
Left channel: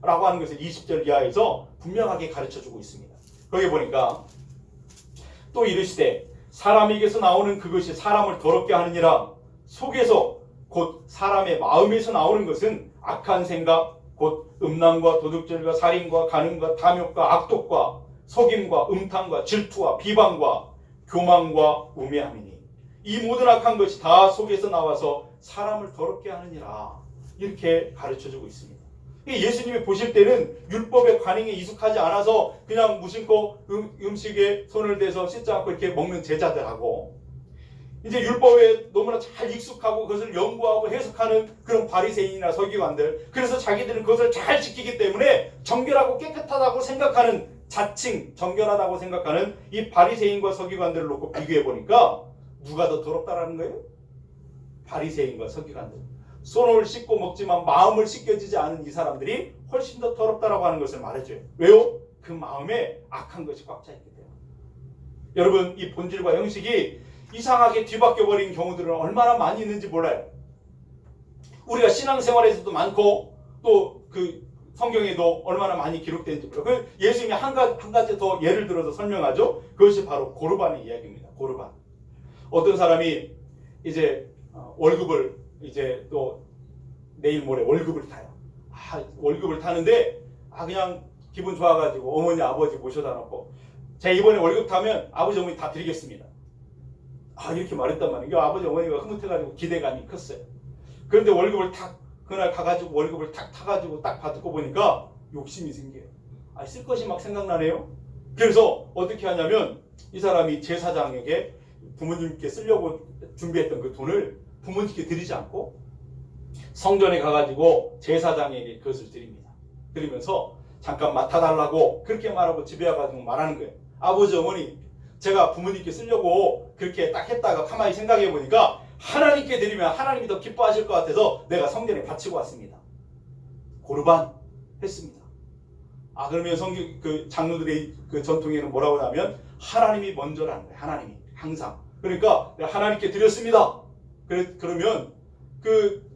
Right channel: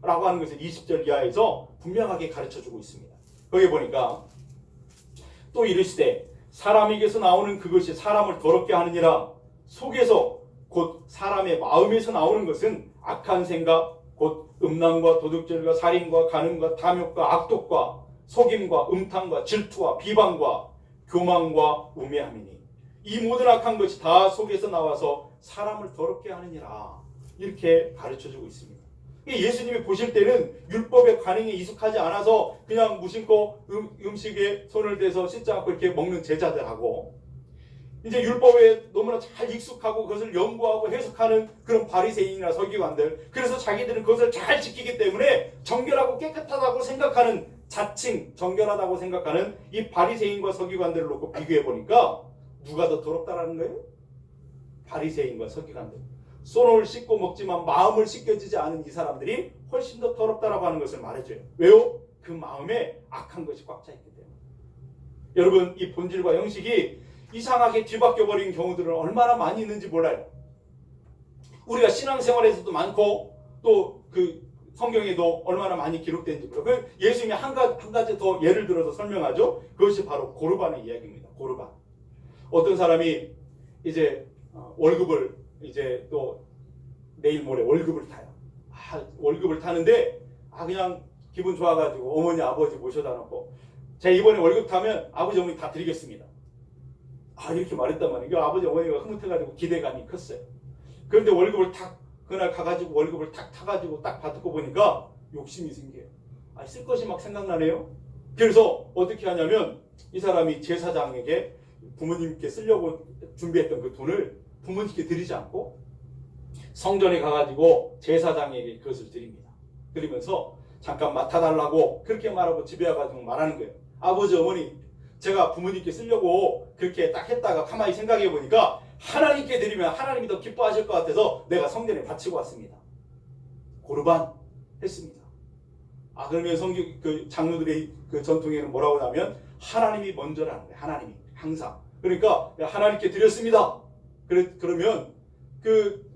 라고 하는 것을 20절 이하에서 분명하게 가르쳐주고 있습니다. 거기 보니까 또 이르시되 사람에게서 나오는 그것이 사람을 더럽게 하느니라. 속에서 곧 사람의 마음에서 나오는 것은 악한 생각, 곧 음란과 도둑질과 살인과 간음과 탐욕과 악독과 속임과 음탕과 질투와 비방과 교만과 우매함이니 이 모든 악한 것이 다 속에서 나와서 사람을 더럽게 하느니라. 이렇게 가르쳐주고 있습니다. 예수님이 보실 때는 율법의 관행에 익숙하지 않아서 그냥 무심코 음식에 손을 대서 씻지 않고 이렇게 먹는 제자들하고, 이제 율법에 너무나 잘 익숙하고 그것을 연구하고 해석하는 그런 바리새인이나 서기관들, 그래서 자기들은 그것을 잘 지키기 때문에 정결하고 깨끗하다고 생각하는, 자칭 정결하다고 생각하는 이 바리새인과 서기관들을 놓고 비교해 보니까 누가 더 더럽다라는 거예요? 바리새인과 서기관들. 손을 씻고 먹지만 마음을 씻겨지지 않은 이 사람들이 훨씬 더 더럽다라고 하는 것을 말해줘요. 왜요? 그 마음에 악한 것이 꽉 차 있기 때문에. 여러분, 이 본질과 형식이 이상하게 뒤바뀌어버린 경우들은 얼마나 많이 있는지 몰라요. 우리가 신앙생활에서도 많고 또 그 성경에도 얼마나 많이 기록된지 몰라요. 그 예수님이 한 가지 더 예를 들어서 설명하죠. 그것이 바로 고르반의 이야기입니다. 고르반. 어떤 사람이 이제 월급을 이제 또 내일 모레 월급을 타요. 월급을 타는데 그냥 기분 좋아가지고 어머니 아버지 모셔다 놓고, 제가 이번에 월급 타면 아버지 어머니 다 드리겠습니다. 이렇게 말했단 말이에요. 아버지 어머니가 흐뭇해가지고 기대감이 컸어요. 그런데 월급을 그날 가가지고 월급을 타가지고 딱 받고 보니까 욕심이 생겨요. 쓸 것이 막 생각나네요. 그래서 어떻게 하냐면 이 사람이 제사장에게 부모님께 쓰려고 준비했던 그 돈을 부모님께 드리지 않고 성전에 가가지고 제사장에게 그것을 드립니다. 드리면서 잠깐 맡아달라고 그렇게 말하고 집에 와가지고 말하는 거예요. 아버지 어머니, 제가 부모님께 쓰려고 그렇게 딱 했다가 가만히 생각해 보니까 하나님께 드리면 하나님이 더 기뻐하실 것 같아서 내가 성전에 바치고 왔습니다. 고르반 했습니다. 그러면 그 장로들의 그 전통에는 뭐라고 하면 하나님이 먼저라는 거예요. 하나님이 항상. 그러니까 하나님께 드렸습니다. 그러면 그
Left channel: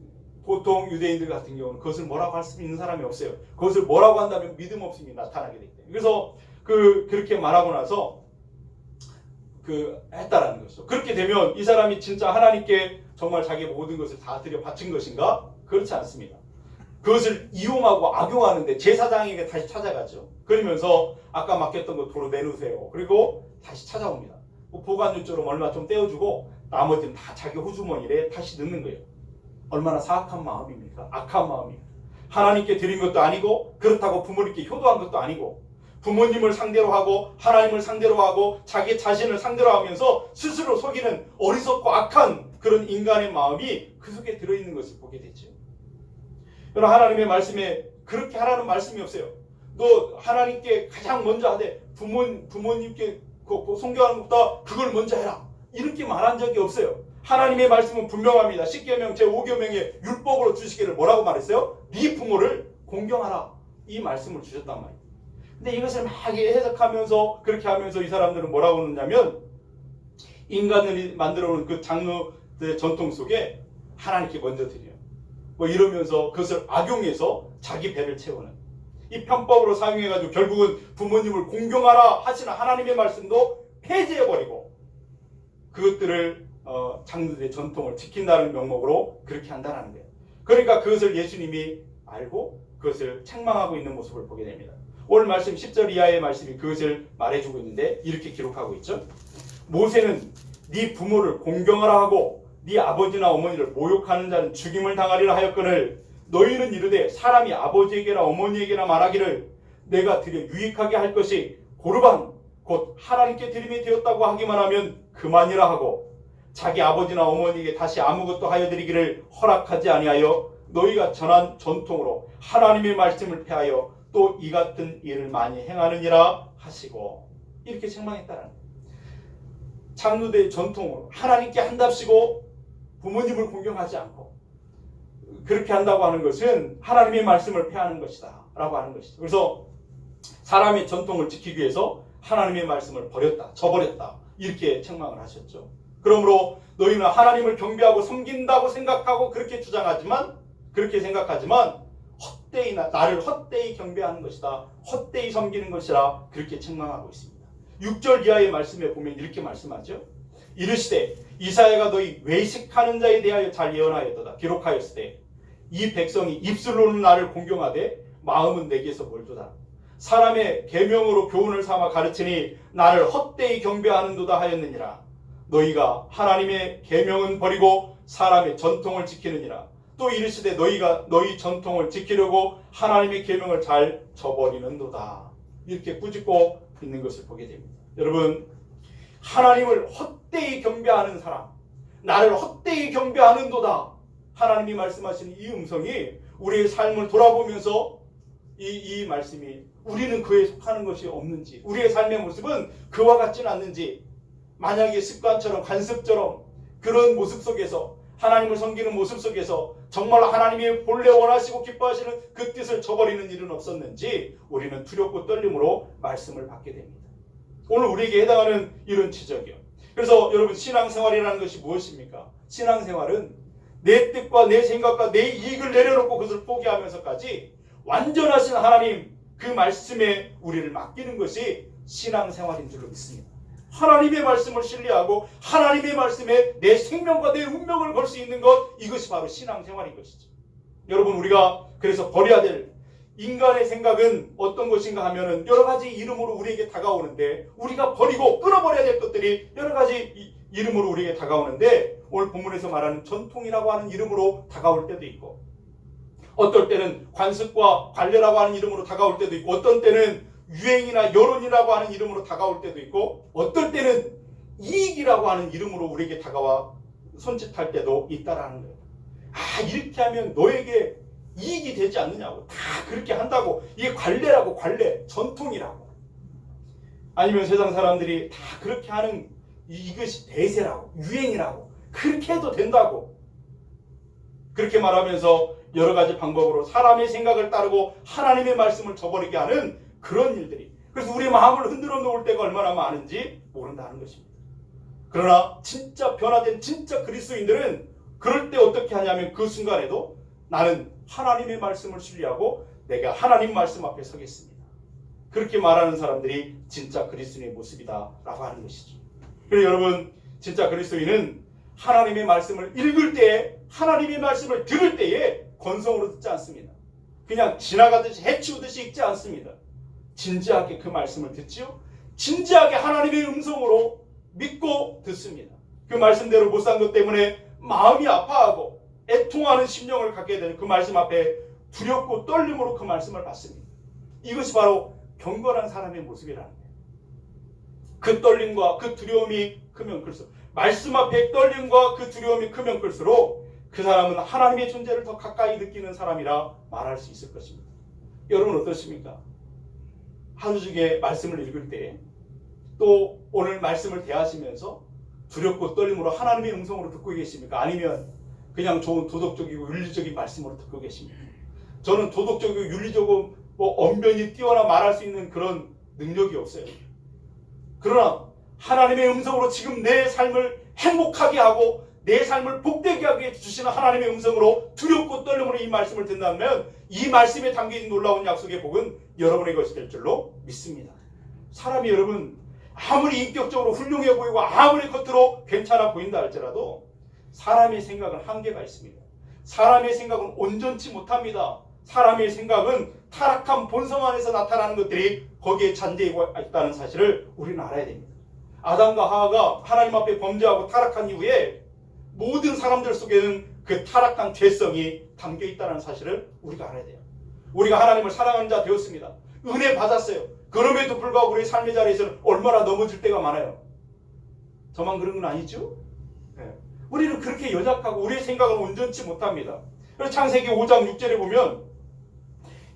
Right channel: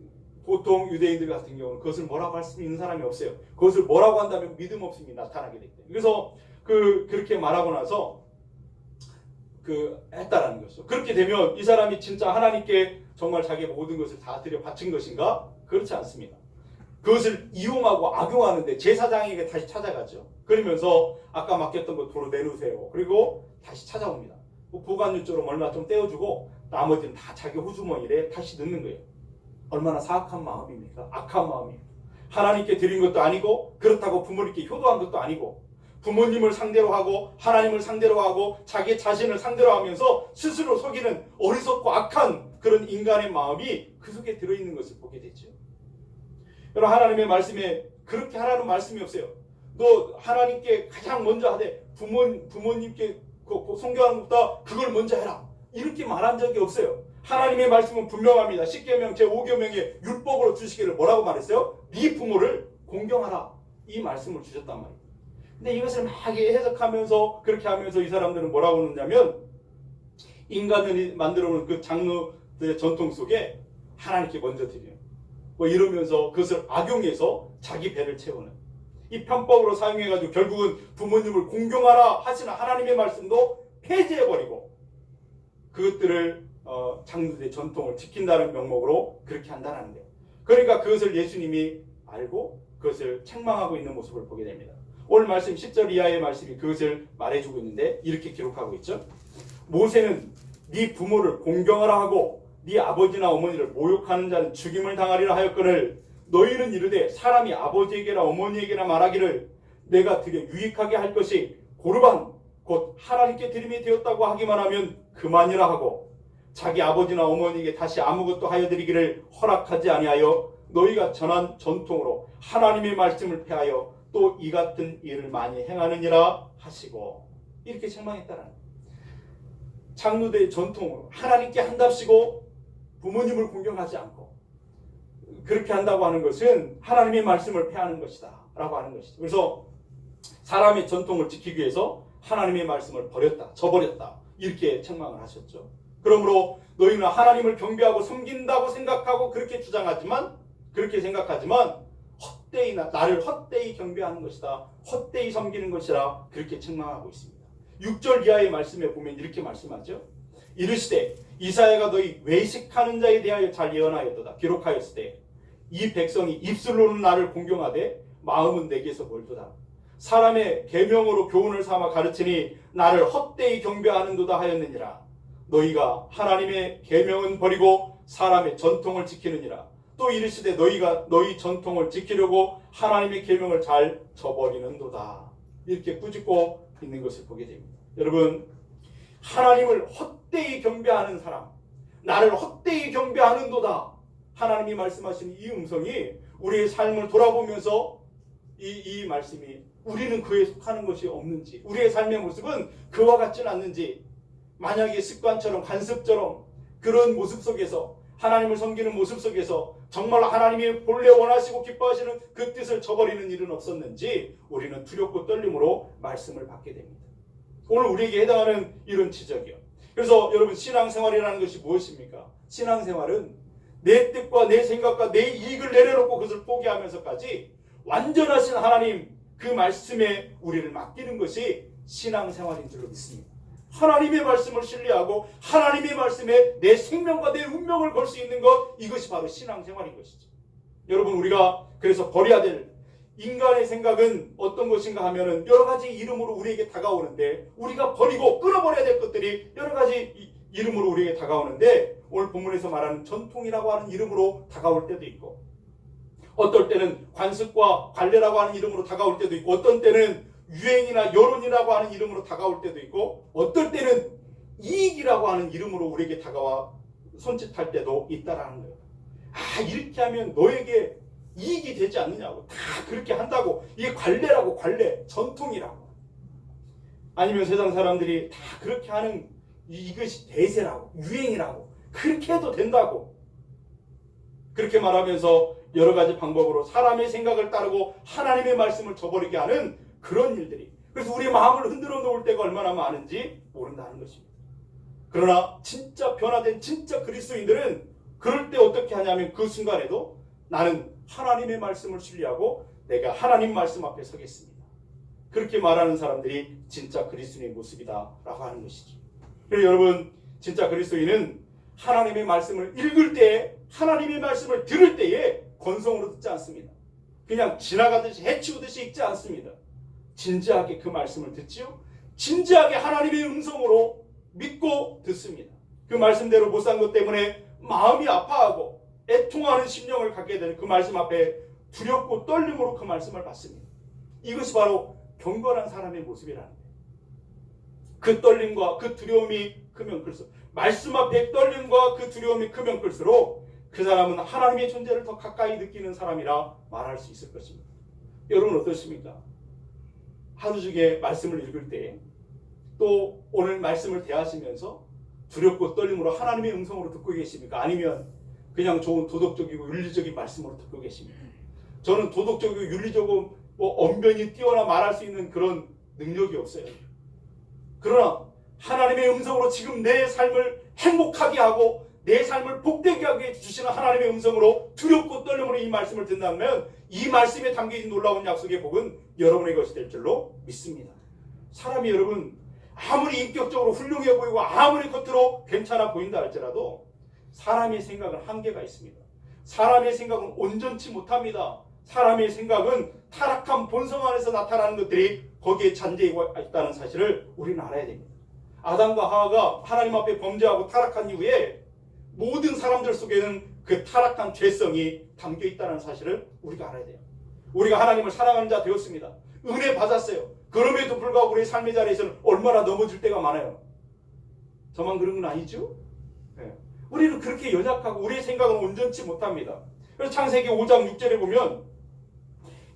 보통 유대인들 같은 경우는 그것을 뭐라고 할 수 있는 사람이 없어요. 그것을 뭐라고 한다면 믿음 없음이 나타나게 되기 때문에. 그래서 그렇게 말하고 나서 했다라는 것이죠. 그렇게 되면 이 사람이 진짜 하나님께 정말 자기 모든 것을 다 드려 바친 것인가? 그렇지 않습니다. 그것을 이용하고 악용하는데 제사장에게 다시 찾아가죠. 그러면서 아까 맡겼던 거 도로 내놓으세요. 그리고 다시 찾아옵니다. 보관유처럼 얼마 좀 떼어주고 나머지는 다 자기 호주머니에 다시 넣는 거예요. 얼마나 사악한 마음입니까? 악한 마음입니다. 하나님께 드린 것도 아니고, 그렇다고 부모님께 효도한 것도 아니고, 부모님을 상대로 하고 하나님을 상대로 하고 자기 자신을 상대로 하면서 스스로 속이는 어리석고 악한 그런 인간의 마음이 그 속에 들어있는 것을 보게 됐죠. 여러분, 하나님의 말씀에 그렇게 하라는 말씀이 없어요. 너 하나님께 가장 먼저 하되 부모님께 성교하는 것보다 그걸 먼저 해라, 이렇게 말한 적이 없어요. 하나님의 말씀은 분명합니다. 10계명 제5계명의 율법으로 주시기를 뭐라고 말했어요? 네 부모를 공경하라, 이 말씀을 주셨단 말이에요. 근데 이것을 막 해석하면서 그렇게 하면서 이 사람들은 뭐라고 하느냐면, 인간들이 만들어 놓은 그 장로들의 전통 속에 하나님께 먼저 드려요. 이러면서 그것을 악용해서 자기 배를 채우는, 이 편법으로 사용해가지고 결국은 부모님을 공경하라 하시는 하나님의 말씀도 폐지해버리고 그것들을 장로들의 전통을 지킨다는 명목으로 그렇게 한다는 거예요. 그러니까 그것을 예수님이 알고 그것을 책망하고 있는 모습을 보게 됩니다. 오늘 말씀 10절 이하의 말씀이 그것을 말해주고 있는데 이렇게 기록하고 있죠. 모세는 네 부모를 공경하라 하고 네 아버지나 어머니를 모욕하는 자는 죽임을 당하리라 하였거늘, 너희는 이르되 사람이 아버지에게나 어머니에게나 말하기를 내가 드려 유익하게 할 것이 고르반 곧 하나님께 드림이 되었다고 하기만 하면 그만이라 하고, 자기 아버지나 어머니에게 다시 아무것도 하여 드리기를 허락하지 아니하여 너희가 전한 전통으로 하나님의 말씀을 폐하여 또 이 같은 일을 많이 행하느니라 하시고, 이렇게 책망했다는 거예요. 장로대의 전통으로 하나님께 한답시고 부모님을 공경하지 않고 그렇게 한다고 하는 것은 하나님의 말씀을 폐하는 것이다 라고 하는 것이죠. 그래서 사람의 전통을 지키기 위해서 하나님의 말씀을 버렸다, 저버렸다, 이렇게 책망을 하셨죠. 그러므로 너희는 하나님을 경배하고 섬긴다고 생각하고 그렇게 생각하지만 헛되이 나를 헛되이 경배하는 것이다, 헛되이 섬기는 것이라 그렇게 책망하고 있습니다. 6절 이하의 말씀에 보면 이렇게 말씀하죠. 이르시되 이사야가 너희 외식하는 자에 대하여 잘 예언하였도다. 기록하였으되 이 백성이 입술로는 나를 공경하되 마음은 내게서 멀도다. 사람의 계명으로 교훈을 삼아 가르치니 나를 헛되이 경배하는도다 하였느니라. 너희가 하나님의 계명은 버리고 사람의 전통을 지키느니라. 또 이르시되 너희가 너희 전통을 지키려고 하나님의 계명을 잘 저버리는도다. 이렇게 꾸짖고 있는 것을 보게 됩니다. 여러분, 하나님을 헛되이 경배하는 사람, 나를 헛되이 경배하는도다. 하나님이 말씀하시는 이 음성이 우리의 삶을 돌아보면서 이 말씀이 우리는 그에 속하는 것이 없는지, 우리의 삶의 모습은 그와 같지는 않는지, 만약에 습관처럼 관습처럼 그런 모습 속에서 하나님을 섬기는 모습 속에서 정말 하나님이 본래 원하시고 기뻐하시는 그 뜻을 저버리는 일은 없었는지 우리는 두렵고 떨림으로 말씀을 받게 됩니다. 오늘 우리에게 해당하는 이런 지적이요. 그래서 여러분, 신앙생활이라는 것이 무엇입니까? 신앙생활은 내 뜻과 내 생각과 내 이익을 내려놓고 그것을 포기하면서까지 완전하신 하나님 그 말씀에 우리를 맡기는 것이 신앙생활인 줄로 믿습니다. 하나님의 말씀을 신뢰하고 하나님의 말씀에 내 생명과 내 운명을 걸 수 있는 것, 이것이 바로 신앙생활인 것이죠. 여러분, 우리가 그래서 버려야 될 인간의 생각은 어떤 것인가 하면은 여러 가지 이름으로 우리에게 다가오는데, 우리가 버리고 끊어버려야 될 것들이 여러 가지 이름으로 우리에게 다가오는데, 오늘 본문에서 말하는 전통이라고 하는 이름으로 다가올 때도 있고, 어떨 때는 관습과 관례라고 하는 이름으로 다가올 때도 있고, 어떤 때는 유행이나 여론이라고 하는 이름으로 다가올 때도 있고, 어떨 때는 이익이라고 하는 이름으로 우리에게 다가와 손짓할 때도 있다라는 거예요. 아, 이렇게 하면 너에게 이익이 되지 않느냐고, 다 그렇게 한다고, 이게 관례라고, 관례, 전통이라고. 아니면 세상 사람들이 다 그렇게 하는 이것이 대세라고, 유행이라고, 그렇게 해도 된다고, 그렇게 말하면서 여러 가지 방법으로 사람의 생각을 따르고 하나님의 말씀을 저버리게 하는 그런 일들이, 그래서 우리의 마음을 흔들어 놓을 때가 얼마나 많은지 모른다는 것입니다. 그러나 진짜 변화된 진짜 그리스도인들은 그럴 때 어떻게 하냐면, 그 순간에도 나는 하나님의 말씀을 신뢰하고 내가 하나님 말씀 앞에 서겠습니다. 그렇게 말하는 사람들이 진짜 그리스도인의 모습이다라고 하는 것이죠. 그래서 여러분, 진짜 그리스도인은 하나님의 말씀을 읽을 때에, 하나님의 말씀을 들을 때에 건성으로 듣지 않습니다. 그냥 지나가듯이 해치우듯이 읽지 않습니다. 진지하게 그 말씀을 듣지요. 진지하게 하나님의 음성으로 믿고 듣습니다. 그 말씀대로 못 산 것 때문에 마음이 아파하고 애통하는 심령을 갖게 되는 그 말씀 앞에 두렵고 떨림으로 그 말씀을 받습니다. 이것이 바로 경건한 사람의 모습이라는 거예요. 그 떨림과 그 두려움이 크면 클수록, 말씀 앞에 떨림과 그 두려움이 크면 클수록 그 사람은 하나님의 존재를 더 가까이 느끼는 사람이라 말할 수 있을 것입니다. 여러분 어떠십니까? 하루 중에 말씀을 읽을 때, 또 오늘 말씀을 대하시면서 두렵고 떨림으로 하나님의 음성으로 듣고 계십니까? 아니면 그냥 좋은 도덕적이고 윤리적인 말씀으로 듣고 계십니까? 저는 도덕적이고 윤리적이고 언변이 뛰어나 말할 수 있는 그런 능력이 없어요. 그러나 하나님의 음성으로 지금 내 삶을 행복하게 하고 내 삶을 복되게 하게 주시는 하나님의 음성으로 두렵고 떨림으로 이 말씀을 듣는다면, 이 말씀에 담긴 놀라운 약속의 복은 여러분의 것이 될 줄로 믿습니다. 사람이 여러분 아무리 인격적으로 훌륭해 보이고 아무리 겉으로 괜찮아 보인다 할지라도 사람의 생각은 한계가 있습니다. 사람의 생각은 온전치 못합니다. 사람의 생각은 타락한 본성 안에서 나타나는 것들이 거기에 잔재가 있다는 사실을 우리는 알아야 됩니다. 아담과 하와가 하나님 앞에 범죄하고 타락한 이후에 모든 사람들 속에는 그 타락한 죄성이 담겨 있다는 사실을 우리가 알아야 돼요. 우리가 하나님을 사랑하는 자 되었습니다. 은혜 받았어요. 그럼에도 불구하고 우리의 삶의 자리에서는 얼마나 넘어질 때가 많아요. 저만 그런 건 아니죠? 네. 우리는 그렇게 연약하고 우리의 생각은 온전치 못합니다. 그래서 창세기 5장 6절에 보면,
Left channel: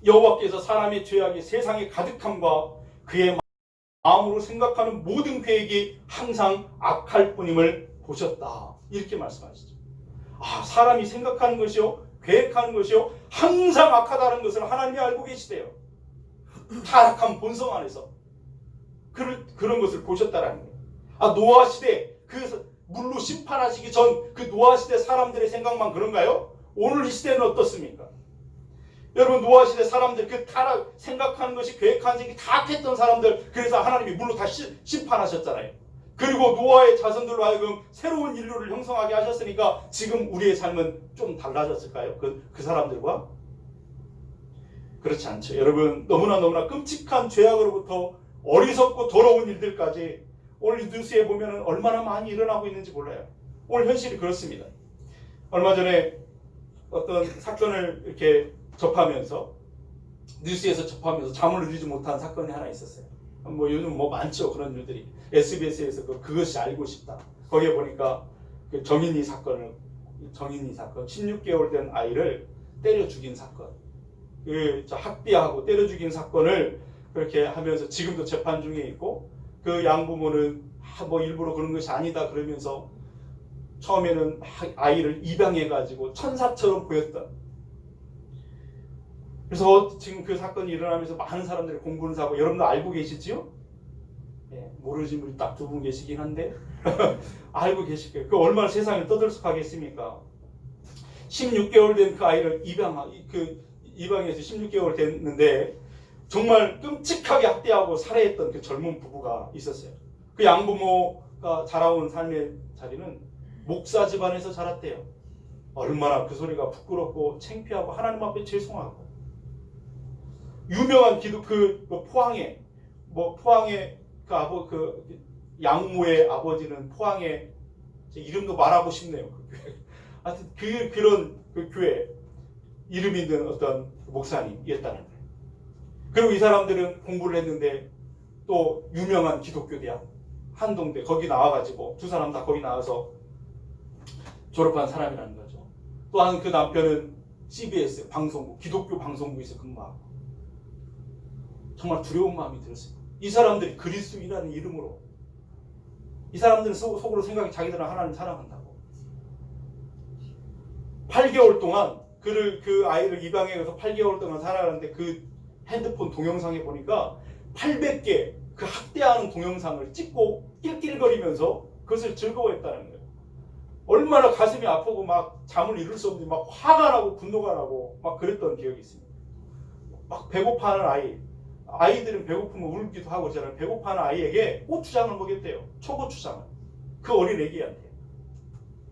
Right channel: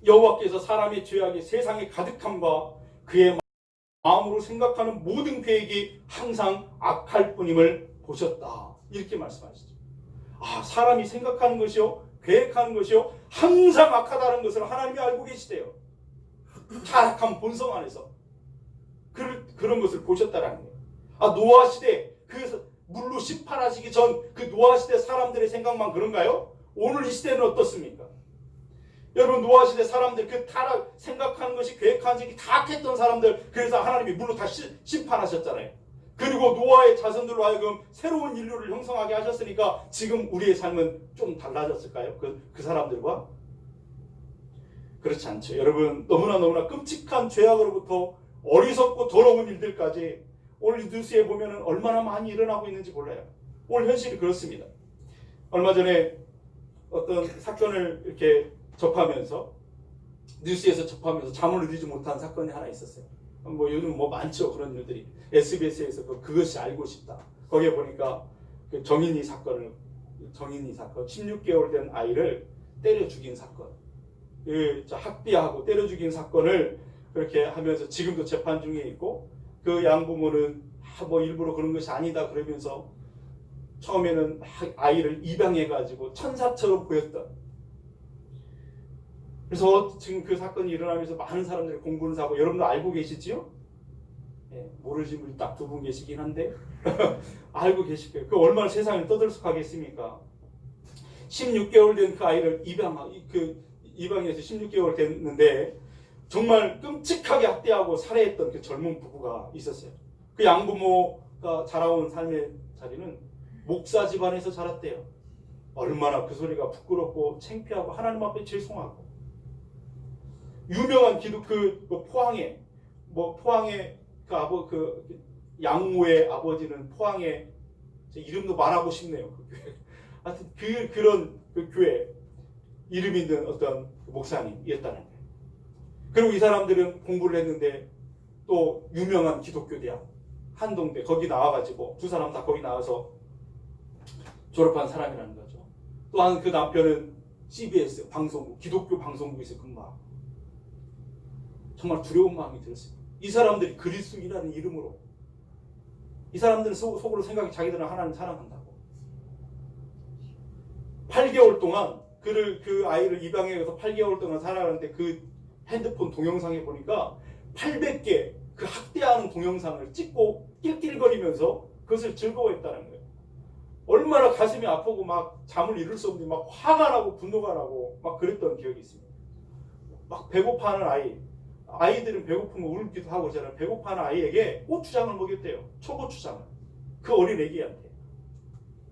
여호와께서 사람의 죄악이 세상에 가득함과 그의 마음으로 생각하는 모든 계획이 항상 악할 뿐임을 보셨다. 이렇게 말씀하시죠. 아, 사람이 생각하는 것이요, 계획하는 것이요, 항상 악하다는 것을 하나님이 알고 계시대요. 타락한 본성 안에서 그런 것을 보셨다라는 거예요. 아, 노아 시대 그 물로 심판하시기 전 그 노아 시대 사람들의 생각만 그런가요? 오늘 이 시대는 어떻습니까? 여러분, 노아 시대 사람들 그 타락 생각하는 것이, 계획하는 것이 타락했던 사람들, 그래서 하나님이 물로 다 심판하셨잖아요. 그리고 노아의 자손들로 하여금 새로운 인류를 형성하게 하셨으니까 지금 우리의 삶은 좀 달라졌을까요? 그 사람들과? 그렇지 않죠. 여러분, 너무나 끔찍한 죄악으로부터 어리석고 더러운 일들까지 오늘 뉴스에 보면 얼마나 많이 일어나고 있는지 몰라요. 오늘 현실이 그렇습니다. 얼마 전에 어떤 사건을 이렇게 접하면서 뉴스에서 접하면서 잠을 이루지 못한 사건이 하나 있었어요. 뭐 요즘 뭐 많죠 그런 일들이. SBS에서 그것이 알고 싶다. 거기에 보니까 그 정인이 사건 16개월 된 아이를 때려 죽인 사건, 그 학대하고 때려 죽인 사건을 그렇게 하면서 지금도 재판 중에 있고, 그 양부모는 뭐 일부러 그런 것이 아니다 그러면서 처음에는 아이를 입양해 가지고 천사처럼 보였던. 그래서 지금 그 사건이 일어나면서 많은 사람들이 공분을 사고, 여러분도 알고 계시지요? 예, 모르시는 분이 딱 두 분 계시긴 한데 알고 계실 거예요. 그 얼마나 세상을 떠들썩하겠습니까? 16개월 된 그 아이를 입양해서 16개월 됐는데 정말 끔찍하게 학대하고 살해했던 그 젊은 부부가 있었어요. 그 양부모가 자라온 삶의 자리는 목사 집안에서 자랐대요. 얼마나 그 소리가 부끄럽고 창피하고 하나님 앞에 죄송하고. 유명한 기독 포항에 그 양모의 아버지는 포항에, 이름도 말하고 싶네요. 하여튼 그런 그 교회 이름 있는 어떤 목사님이었다는 거예요. 그리고 이 사람들은 공부를 했는데 또 유명한 기독교 대학 한동대 거기 나와가지고 두 사람 다 거기 나와서 졸업한 사람이라는 거죠. 또한 그 남편은 CBS 방송국, 기독교 방송국에서 근무하고. 정말 두려운 마음이 들었어요. 이 사람들이 그리스도인이라는 이름으로, 이 사람들은 속으로 생각이 자기들은 하나님 사랑한다고. 8개월 동안 그 아이를 입양해서 8개월 동안 살아가는데 그 핸드폰 동영상에 보니까 800개 그 학대하는 동영상을 찍고 낄낄거리면서 그것을 즐거워했다는 거예요. 얼마나 가슴이 아프고 막 잠을 이룰 수 없는, 막 화가 나고 분노가 나고 막 그랬던 기억이 있습니다. 막 배고파하는 아이들은 배고프면 울기도 하고 그러잖아요. 배고파하는 아이에게 고추장을 먹였대요. 초고추장을. 그 어린 애기한테.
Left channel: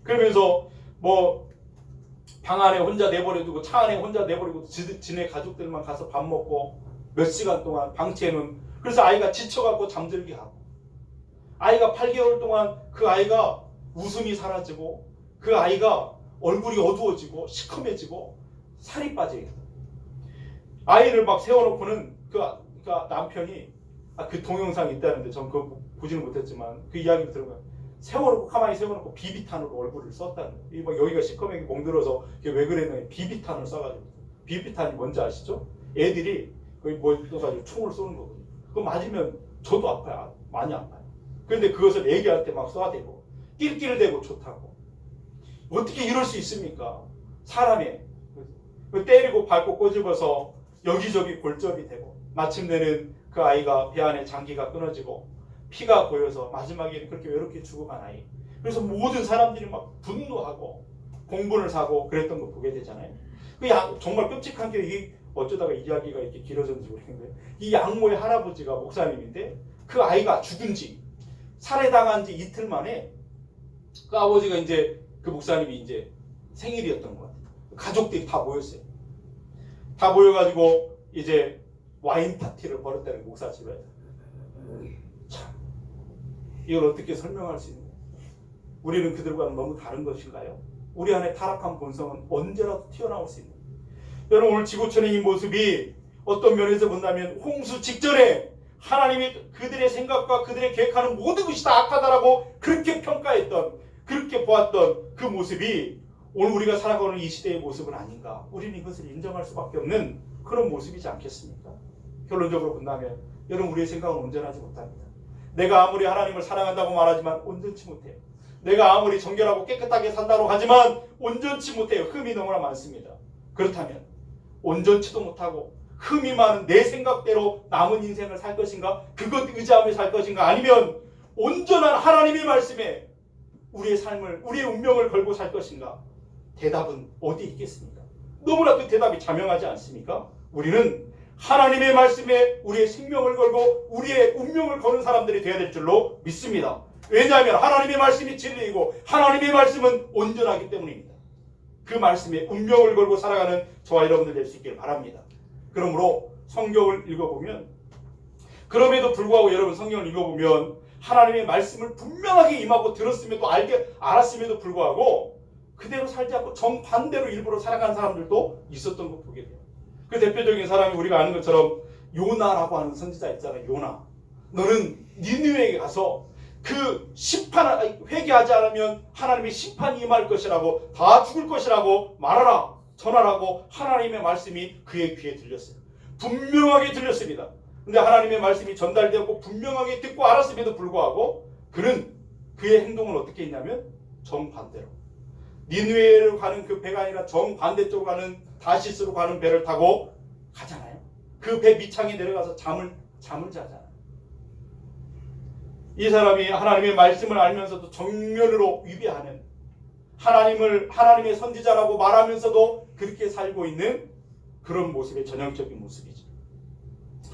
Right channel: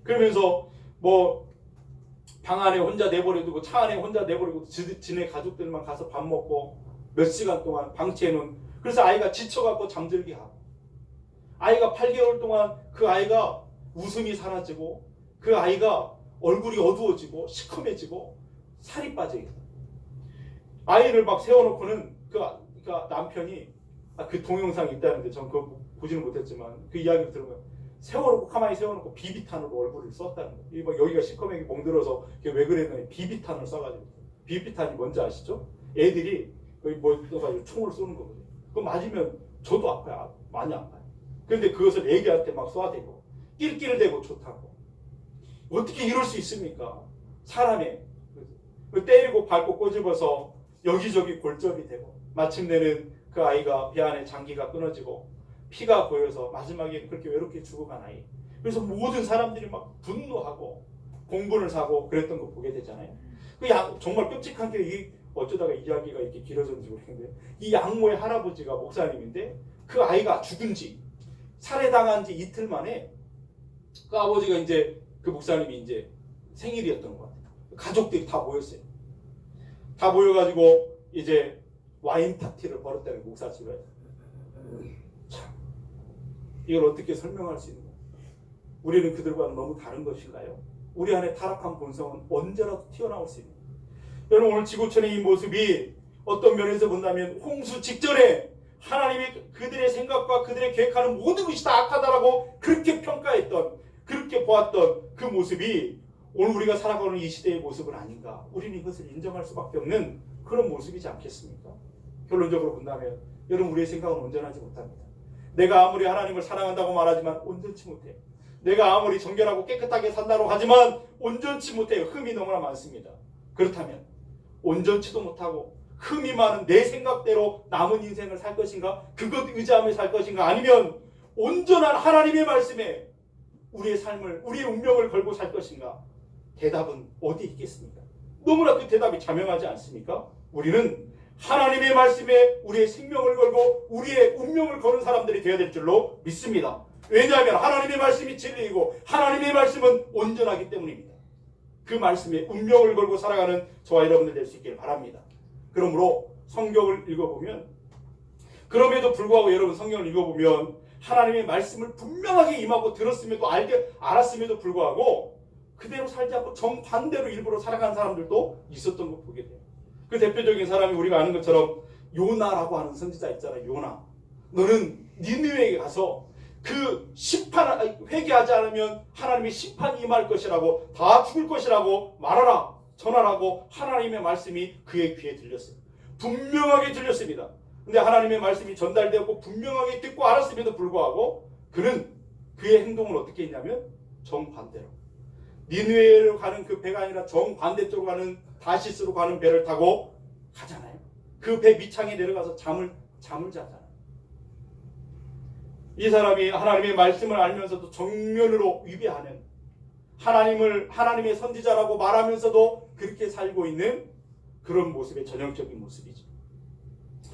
그러면서 뭐 방 안에 혼자 내버려두고 차 안에 혼자 내버리고 지네 가족들만 가서 밥 먹고 몇 시간 동안 방치해놓은. 그래서 아이가 지쳐갖고 잠들게 하고, 아이가 8개월 동안 그 아이가 웃음이 사라지고 그 아이가 얼굴이 어두워지고 시커매지고 살이 빠져요. 아이를 막 세워놓고는 그 남편이 그 동영상이 있다는데 전 그거 보지는 못했지만 그 이야기를 들으면 가만히 세워놓고 비비탄으로 얼굴을 썼다는 거예요. 막 여기가 시커멓게 멍들어서 왜 그랬느니 비비탄을 쏴가지고. 비비탄이 뭔지 아시죠? 애들이 거기 뭐 떠가지고 총을 쏘는 거거든요. 그거 맞으면 저도 아파요. 많이 아파요. 그런데 그것을 애기한테 막 쏴대고 낄낄대고 좋다고. 어떻게 이럴 수 있습니까? 사람이 때리고 밟고 꼬집어서 여기저기 골절이 되고, 마침내는 그 아이가 배 안에 장기가 끊어지고 피가 보여서 마지막에는 그렇게 외롭게 죽어간 아이. 그래서 모든 사람들이 막 분노하고 공분을 사고 그랬던 거 보게 되잖아요. 정말 끔찍한 게 어쩌다가 이야기가 이렇게 길어졌는지 모르겠는데, 이 양모의 할아버지가 목사님인데 그 아이가 죽은 지, 살해당한 지 이틀 만에 그 아버지가 이제 그 목사님이 이제 생일이었던 것 같아요. 가족들이 다 모였어요. 다 모여가지고 이제 와인 파티를 벌였다는 목사 집에. 참, 이걸 어떻게 설명할 수 있는 거예요? 우리는 그들과는 너무 다른 것인가요? 우리 안에 타락한 본성은 언제라도 튀어나올 수 있는 거예요. 여러분, 오늘 지구촌의 이 모습이 어떤 면에서 본다면 홍수 직전에 하나님이 그들의 생각과 그들의 계획하는 모든 것이 다 악하다라고 그렇게 평가했던, 그렇게 보았던 그 모습이 오늘 우리가 살아가는 이 시대의 모습은 아닌가. 우리는 이것을 인정할 수밖에 없는 그런 모습이지 않겠습니까? 결론적으로 본다면 여러분, 우리의 생각은 온전하지 못합니다. 내가 아무리 하나님을 사랑한다고 말하지만 온전치 못해요. 내가 아무리 정결하고 깨끗하게 산다고 하지만 온전치 못해요. 흠이 너무나 많습니다. 그렇다면 온전치도 못하고 흠이 많은 내 생각대로 남은 인생을 살 것인가? 그것 의지하며 살 것인가? 아니면 온전한 하나님의 말씀에 우리의 삶을, 우리의 운명을 걸고 살 것인가? 대답은 어디 있겠습니까? 너무나 그 대답이 자명하지 않습니까? 우리는 하나님의 말씀에 우리의 생명을 걸고 우리의 운명을 거는 사람들이 되어야 될 줄로 믿습니다. 왜냐하면 하나님의 말씀이 진리이고 하나님의 말씀은 온전하기 때문입니다. 그 말씀에 운명을 걸고 살아가는 저와 여러분들 될 수 있길 바랍니다. 그러므로 성경을 읽어보면, 그럼에도 불구하고 여러분 성경을 읽어보면 하나님의 말씀을 분명하게 임하고 들었음에도 알았음에도 불구하고 그대로 살지 않고 정반대로 일부러 살아간 사람들도 있었던 거 보게 돼요. 그 대표적인 사람이 우리가 아는 것처럼 요나라고 하는 선지자 있잖아요. 요나. 너는 니느웨에 가서 그 심판을 회개하지 않으면 하나님의 심판이 임할 것이라고, 다 죽을 것이라고 말하라, 전하라고 하나님의 말씀이 그의 귀에 들렸어요. 분명하게 들렸습니다. 근데 하나님의 말씀이 전달되었고 분명하게 듣고 알았음에도 불구하고 그는 그의 행동을 어떻게 했냐면 정반대로, 니느웨로 가는 그 배가 아니라 정반대쪽으로 가는 다시스로 가는 배를 타고 가잖아요. 그 배 밑창에 내려가서 잠을 자잖아요. 이 사람이 하나님의 말씀을 알면서도 정면으로 위배하는, 하나님의 선지자라고 말하면서도 그렇게 살고 있는 그런 모습의 전형적인 모습이죠.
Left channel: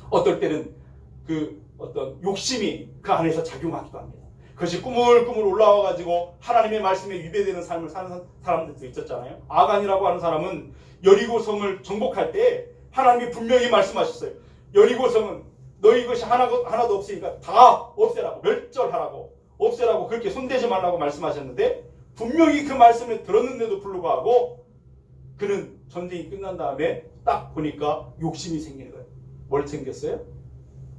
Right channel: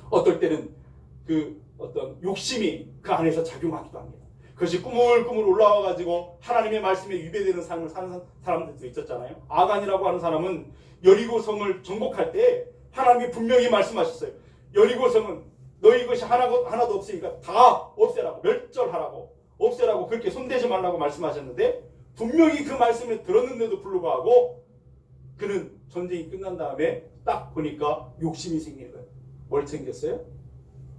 어떨 때는 그 어떤 욕심이 그 안에서 작용하기도 합니다. 그것이 꾸물꾸물 올라와가지고 하나님의 말씀에 위배되는 삶을 사는 사람들도 있었잖아요. 아간이라고 하는 사람은 여리고성을 정복할 때 하나님이 분명히 말씀하셨어요. 여리고성은 너희 것이 하나도 없으니까 다 없애라고, 멸절하라고, 없애라고, 그렇게 손대지 말라고 말씀하셨는데 분명히 그 말씀을 들었는데도 불구하고 그는 전쟁이 끝난 다음에 딱 보니까 욕심이 생기는 거예요. 뭘 챙겼어요?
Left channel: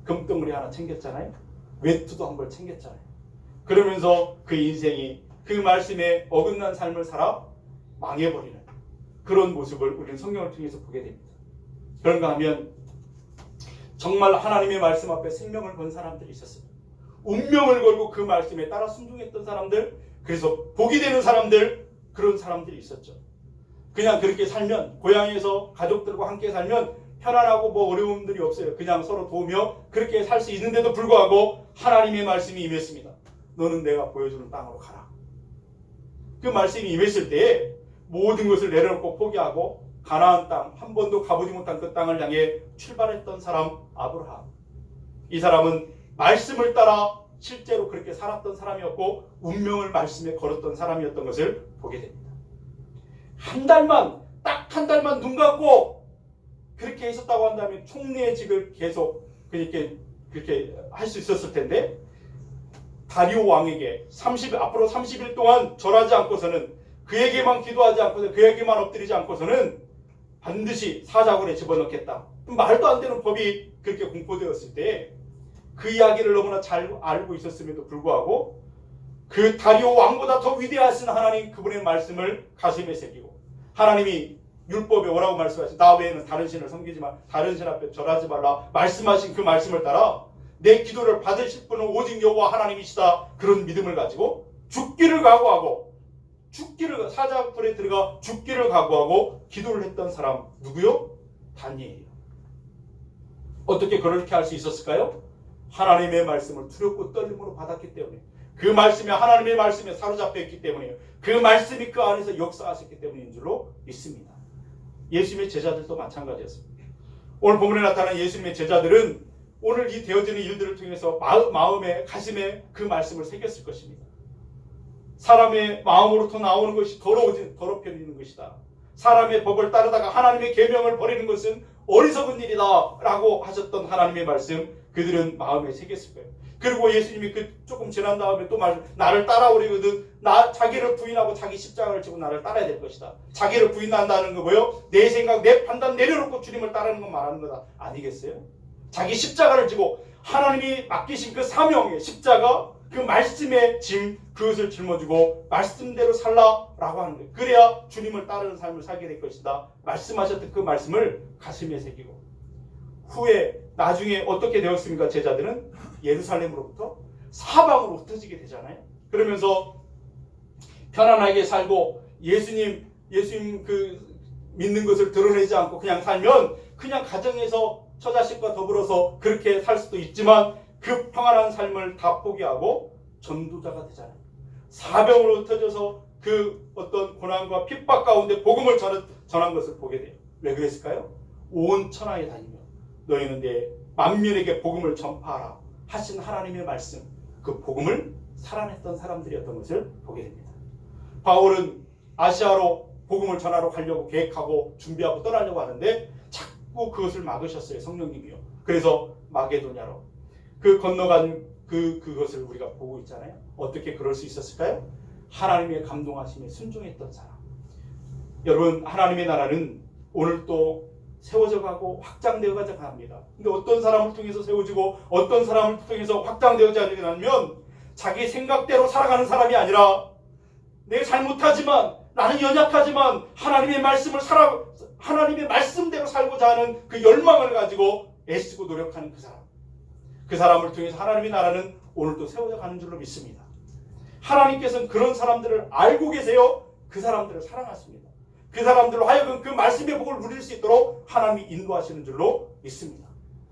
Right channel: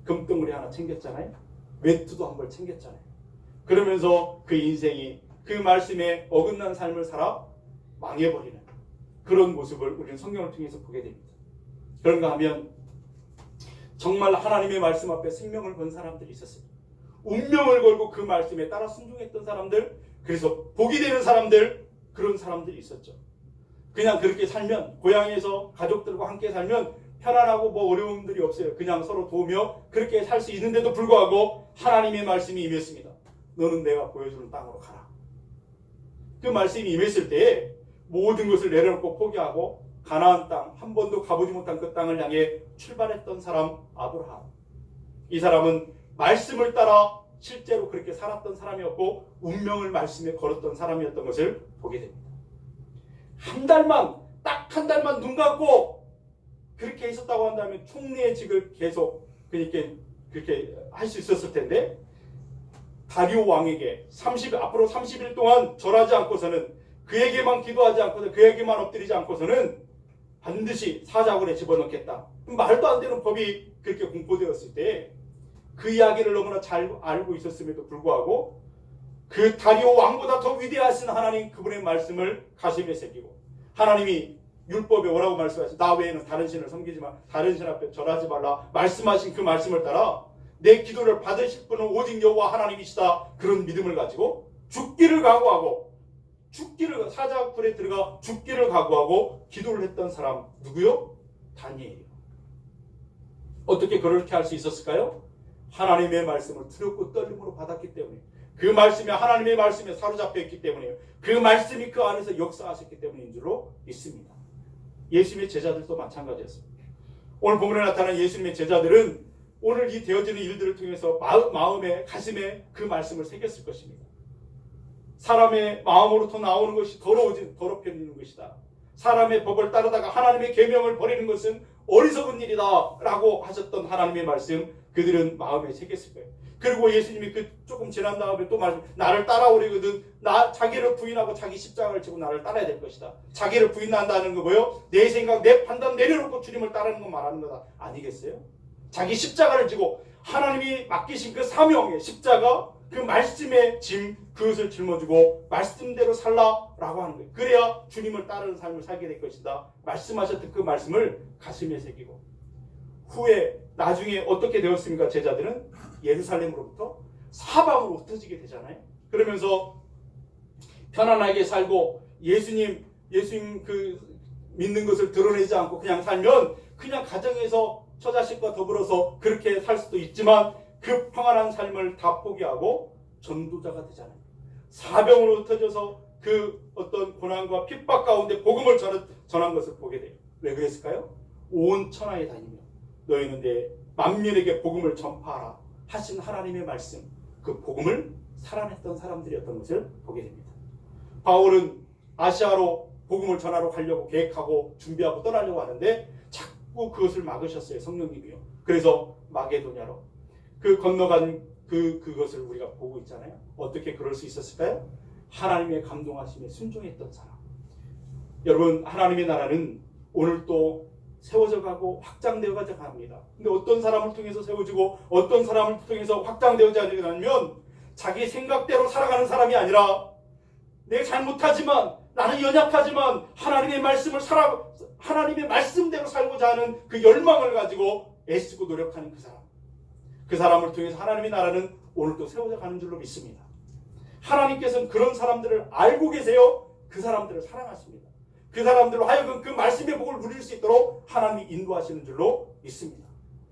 금덩어리 하나 챙겼잖아요. 외투도 한 벌 챙겼잖아요. 그러면서 그 인생이 그 말씀에 어긋난 삶을 살아 망해버리는 그런 모습을 우리는 성경을 통해서 보게 됩니다. 그런가 하면 정말 하나님의 말씀 앞에 생명을 건 사람들이 있었습니다. 운명을 걸고 그 말씀에 따라 순종했던 사람들, 그래서 복이 되는 사람들, 그런 사람들이 있었죠. 그냥 그렇게 살면, 고향에서 가족들과 함께 살면 편안하고 뭐 어려움들이 없어요. 그냥 서로 도우며 그렇게 살 수 있는데도 불구하고 하나님의 말씀이 임했습니다. 너는 내가 보여주는 땅으로 가라. 그 말씀이 임했을 때 모든 것을 내려놓고 포기하고 가나안 땅, 한 번도 가보지 못한 그 땅을 향해 출발했던 사람 아브라함. 이 사람은 말씀을 따라 실제로 그렇게 살았던 사람이었고 운명을 말씀에 걸었던 사람이었던 것을 보게 됩니다. 딱 한 달만 눈 감고 그렇게 있었다고 한다면 총리직을 계속 그렇게 할 수 있었을 텐데, 다리오 왕에게 앞으로 30일 동안 절하지 않고서는, 그에게만 기도하지 않고서, 그에게만 엎드리지 않고서는 반드시 사자굴에 집어넣겠다. 말도 안 되는 법이 그렇게 공포되었을 때 그 이야기를 너무나 잘 알고 있었음에도 불구하고 그 다리오 왕보다 더 위대하신 하나님, 그분의 말씀을 가슴에 새기고, 하나님이 율법에 뭐라고 말씀하시죠? 나 외에는 다른 신을 섬기지 마, 다른 신 앞에 절하지 말라 말씀하신 그 말씀을 따라 내 기도를 받으실 분은 오직 여호와 하나님이시다, 그런 믿음을 가지고 죽기를 각오하고, 사자굴에 들어가 죽기를 각오하고 기도를 했던 사람 누구요? 다니엘이요. 어떻게 그렇게 할 수 있었을까요? 하나님의 말씀을 두렵고 떨림으로 받았기 때문에, 그 말씀에, 하나님의 말씀에 사로잡혀 있기 때문에요. 그 말씀이 그 안에서 역사하셨기 때문인 줄로 믿습니다. 예수님의 제자들도 마찬가지였습니다. 오늘 본문에 나타난 예수님의 제자들은 오늘 이 되어지는 일들을 통해서 마음에, 가슴에 그 말씀을 새겼을 것입니다. 사람의 마음으로부터 나오는 것이 더럽혀지는 것이다. 사람의 법을 따르다가 하나님의 계명을 버리는 것은 어리석은 일이다 라고 하셨던 하나님의 말씀, 그들은 마음에 새겼을 거예요. 그리고 예수님이 조금 지난 다음에 또 나를 따라오려거든 자기를 부인하고 자기 십자가를 지고 나를 따라야 될 것이다. 자기를 부인한다는 거 뭐요? 내 생각, 내 판단 내려놓고 주님을 따르는 거 말하는 거다. 아니겠어요? 자기 십자가를 지고 하나님이 맡기신 그 사명의 십자가, 그 말씀의 짐, 그것을 짊어지고 말씀대로 살라라고 하는 거예요. 그래야 주님을 따르는 삶을 살게 될 것이다. 말씀하셨던 그 말씀을 가슴에 새기고, 후에 나중에 어떻게 되었습니까? 제자들은 예루살렘으로부터 사방으로 흩어지게 되잖아요. 그러면서 편안하게 살고 예수님 그 믿는 것을 드러내지 않고 그냥 살면 그냥 가정에서 처자식과 더불어서 그렇게 살 수도 있지만 그 평안한 삶을 다 포기하고 전도자가 되잖아요. 사병으로 흩어져서 그 어떤 고난과 핍박 가운데 복음을 전한 것을 보게 돼요. 왜 그랬을까요? 온 천하에 다니며 너희는 내 만민에게 복음을 전파하라 하신 하나님의 말씀, 그 복음을 살아냈던 사람들이었던 것을 보게 됩니다. 바울은 아시아로 복음을 전하러 가려고 계획하고 준비하고 떠나려고 하는데 자꾸 그것을 막으셨어요. 성령님이요. 그래서 마게도냐로 건너간 그것을 우리가 보고 있잖아요. 어떻게 그럴 수 있었을까요? 하나님의 감동하심에 순종했던 사람. 여러분, 하나님의 나라는 오늘 또 세워져 가고 확장되어 가자 합니다. 근데 어떤 사람을 통해서 세워지고 어떤 사람을 통해서 확장되어져 가냐면 자기 생각대로 살아가는 사람이 아니라 내가 잘못하지만 나는 연약하지만 하나님의 말씀대로 살고자 하는 그 열망을 가지고 애쓰고 노력하는 그 사람을 통해서 하나님의 나라는 오늘도 세워져 가는 줄로 믿습니다. 하나님께서는 그런 사람들을 알고 계세요. 그 사람들을 사랑하십니다. 그 사람들로 하여금 그 말씀의 복을 누릴 수 있도록 하나님이 인도하시는 줄로 믿습니다.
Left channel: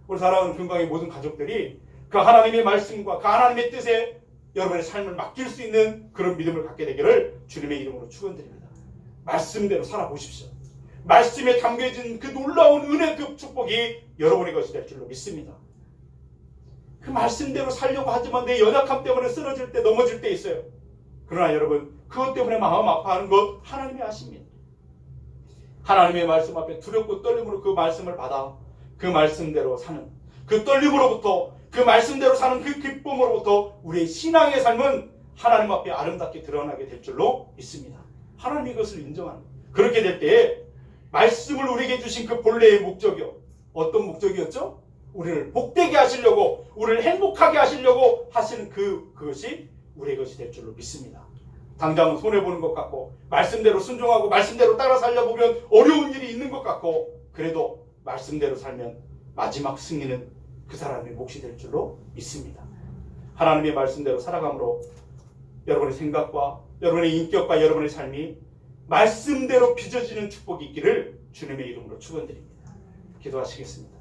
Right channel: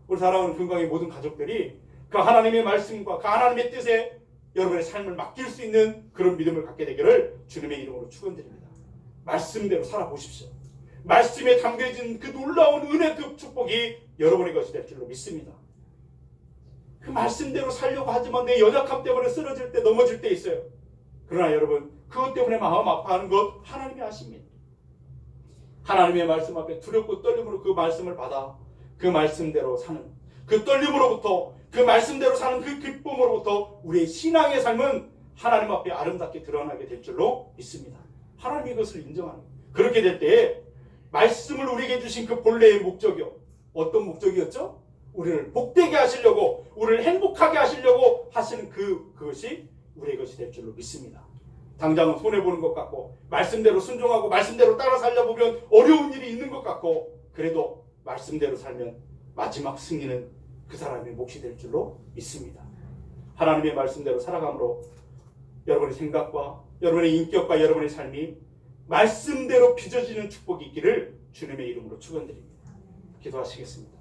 우리 사랑하는 금강의 모든 가족들이 그 하나님의 말씀과 그 하나님의 뜻에 여러분의 삶을 맡길 수 있는 그런 믿음을 갖게 되기를 주님의 이름으로 축원드립니다. 말씀대로 살아보십시오. 말씀에 담겨진 그 놀라운 은혜, 그 축복이 여러분의 것이 될 줄로 믿습니다. 그 말씀대로 살려고 하지만 내 연약함 때문에 쓰러질 때, 넘어질 때 있어요. 그러나 여러분, 그것 때문에 마음 아파하는 것 하나님이 아십니다. 하나님의 말씀 앞에 두렵고 떨림으로 그 말씀을 받아 그 말씀대로 사는 그 떨림으로부터, 그 말씀대로 사는 그 기쁨으로부터 우리의 신앙의 삶은 하나님 앞에 아름답게 드러나게 될 줄로 믿습니다. 하나님이 그것을 인정합니다. 그렇게 될 때에 말씀을 우리에게 주신 그 본래의 목적이요, 어떤 목적이었죠? 우리를 복되게 하시려고, 우리를 행복하게 하시려고 하시는 그것이 우리의 것이 될 줄로 믿습니다. 당장은 손해보는 것 같고, 말씀대로 순종하고 말씀대로 따라 살려보면 어려운 일이 있는 것 같고, 그래도 말씀대로 살면 마지막 승리는 그 사람의 몫이 될 줄로 믿습니다. 하나님의 말씀대로 살아감으로 여러분의 생각과 여러분의 인격과 여러분의 삶이 말씀대로 빚어지는 축복이 있기를 주님의 이름으로 축원드립니다. 기도하시겠습니다.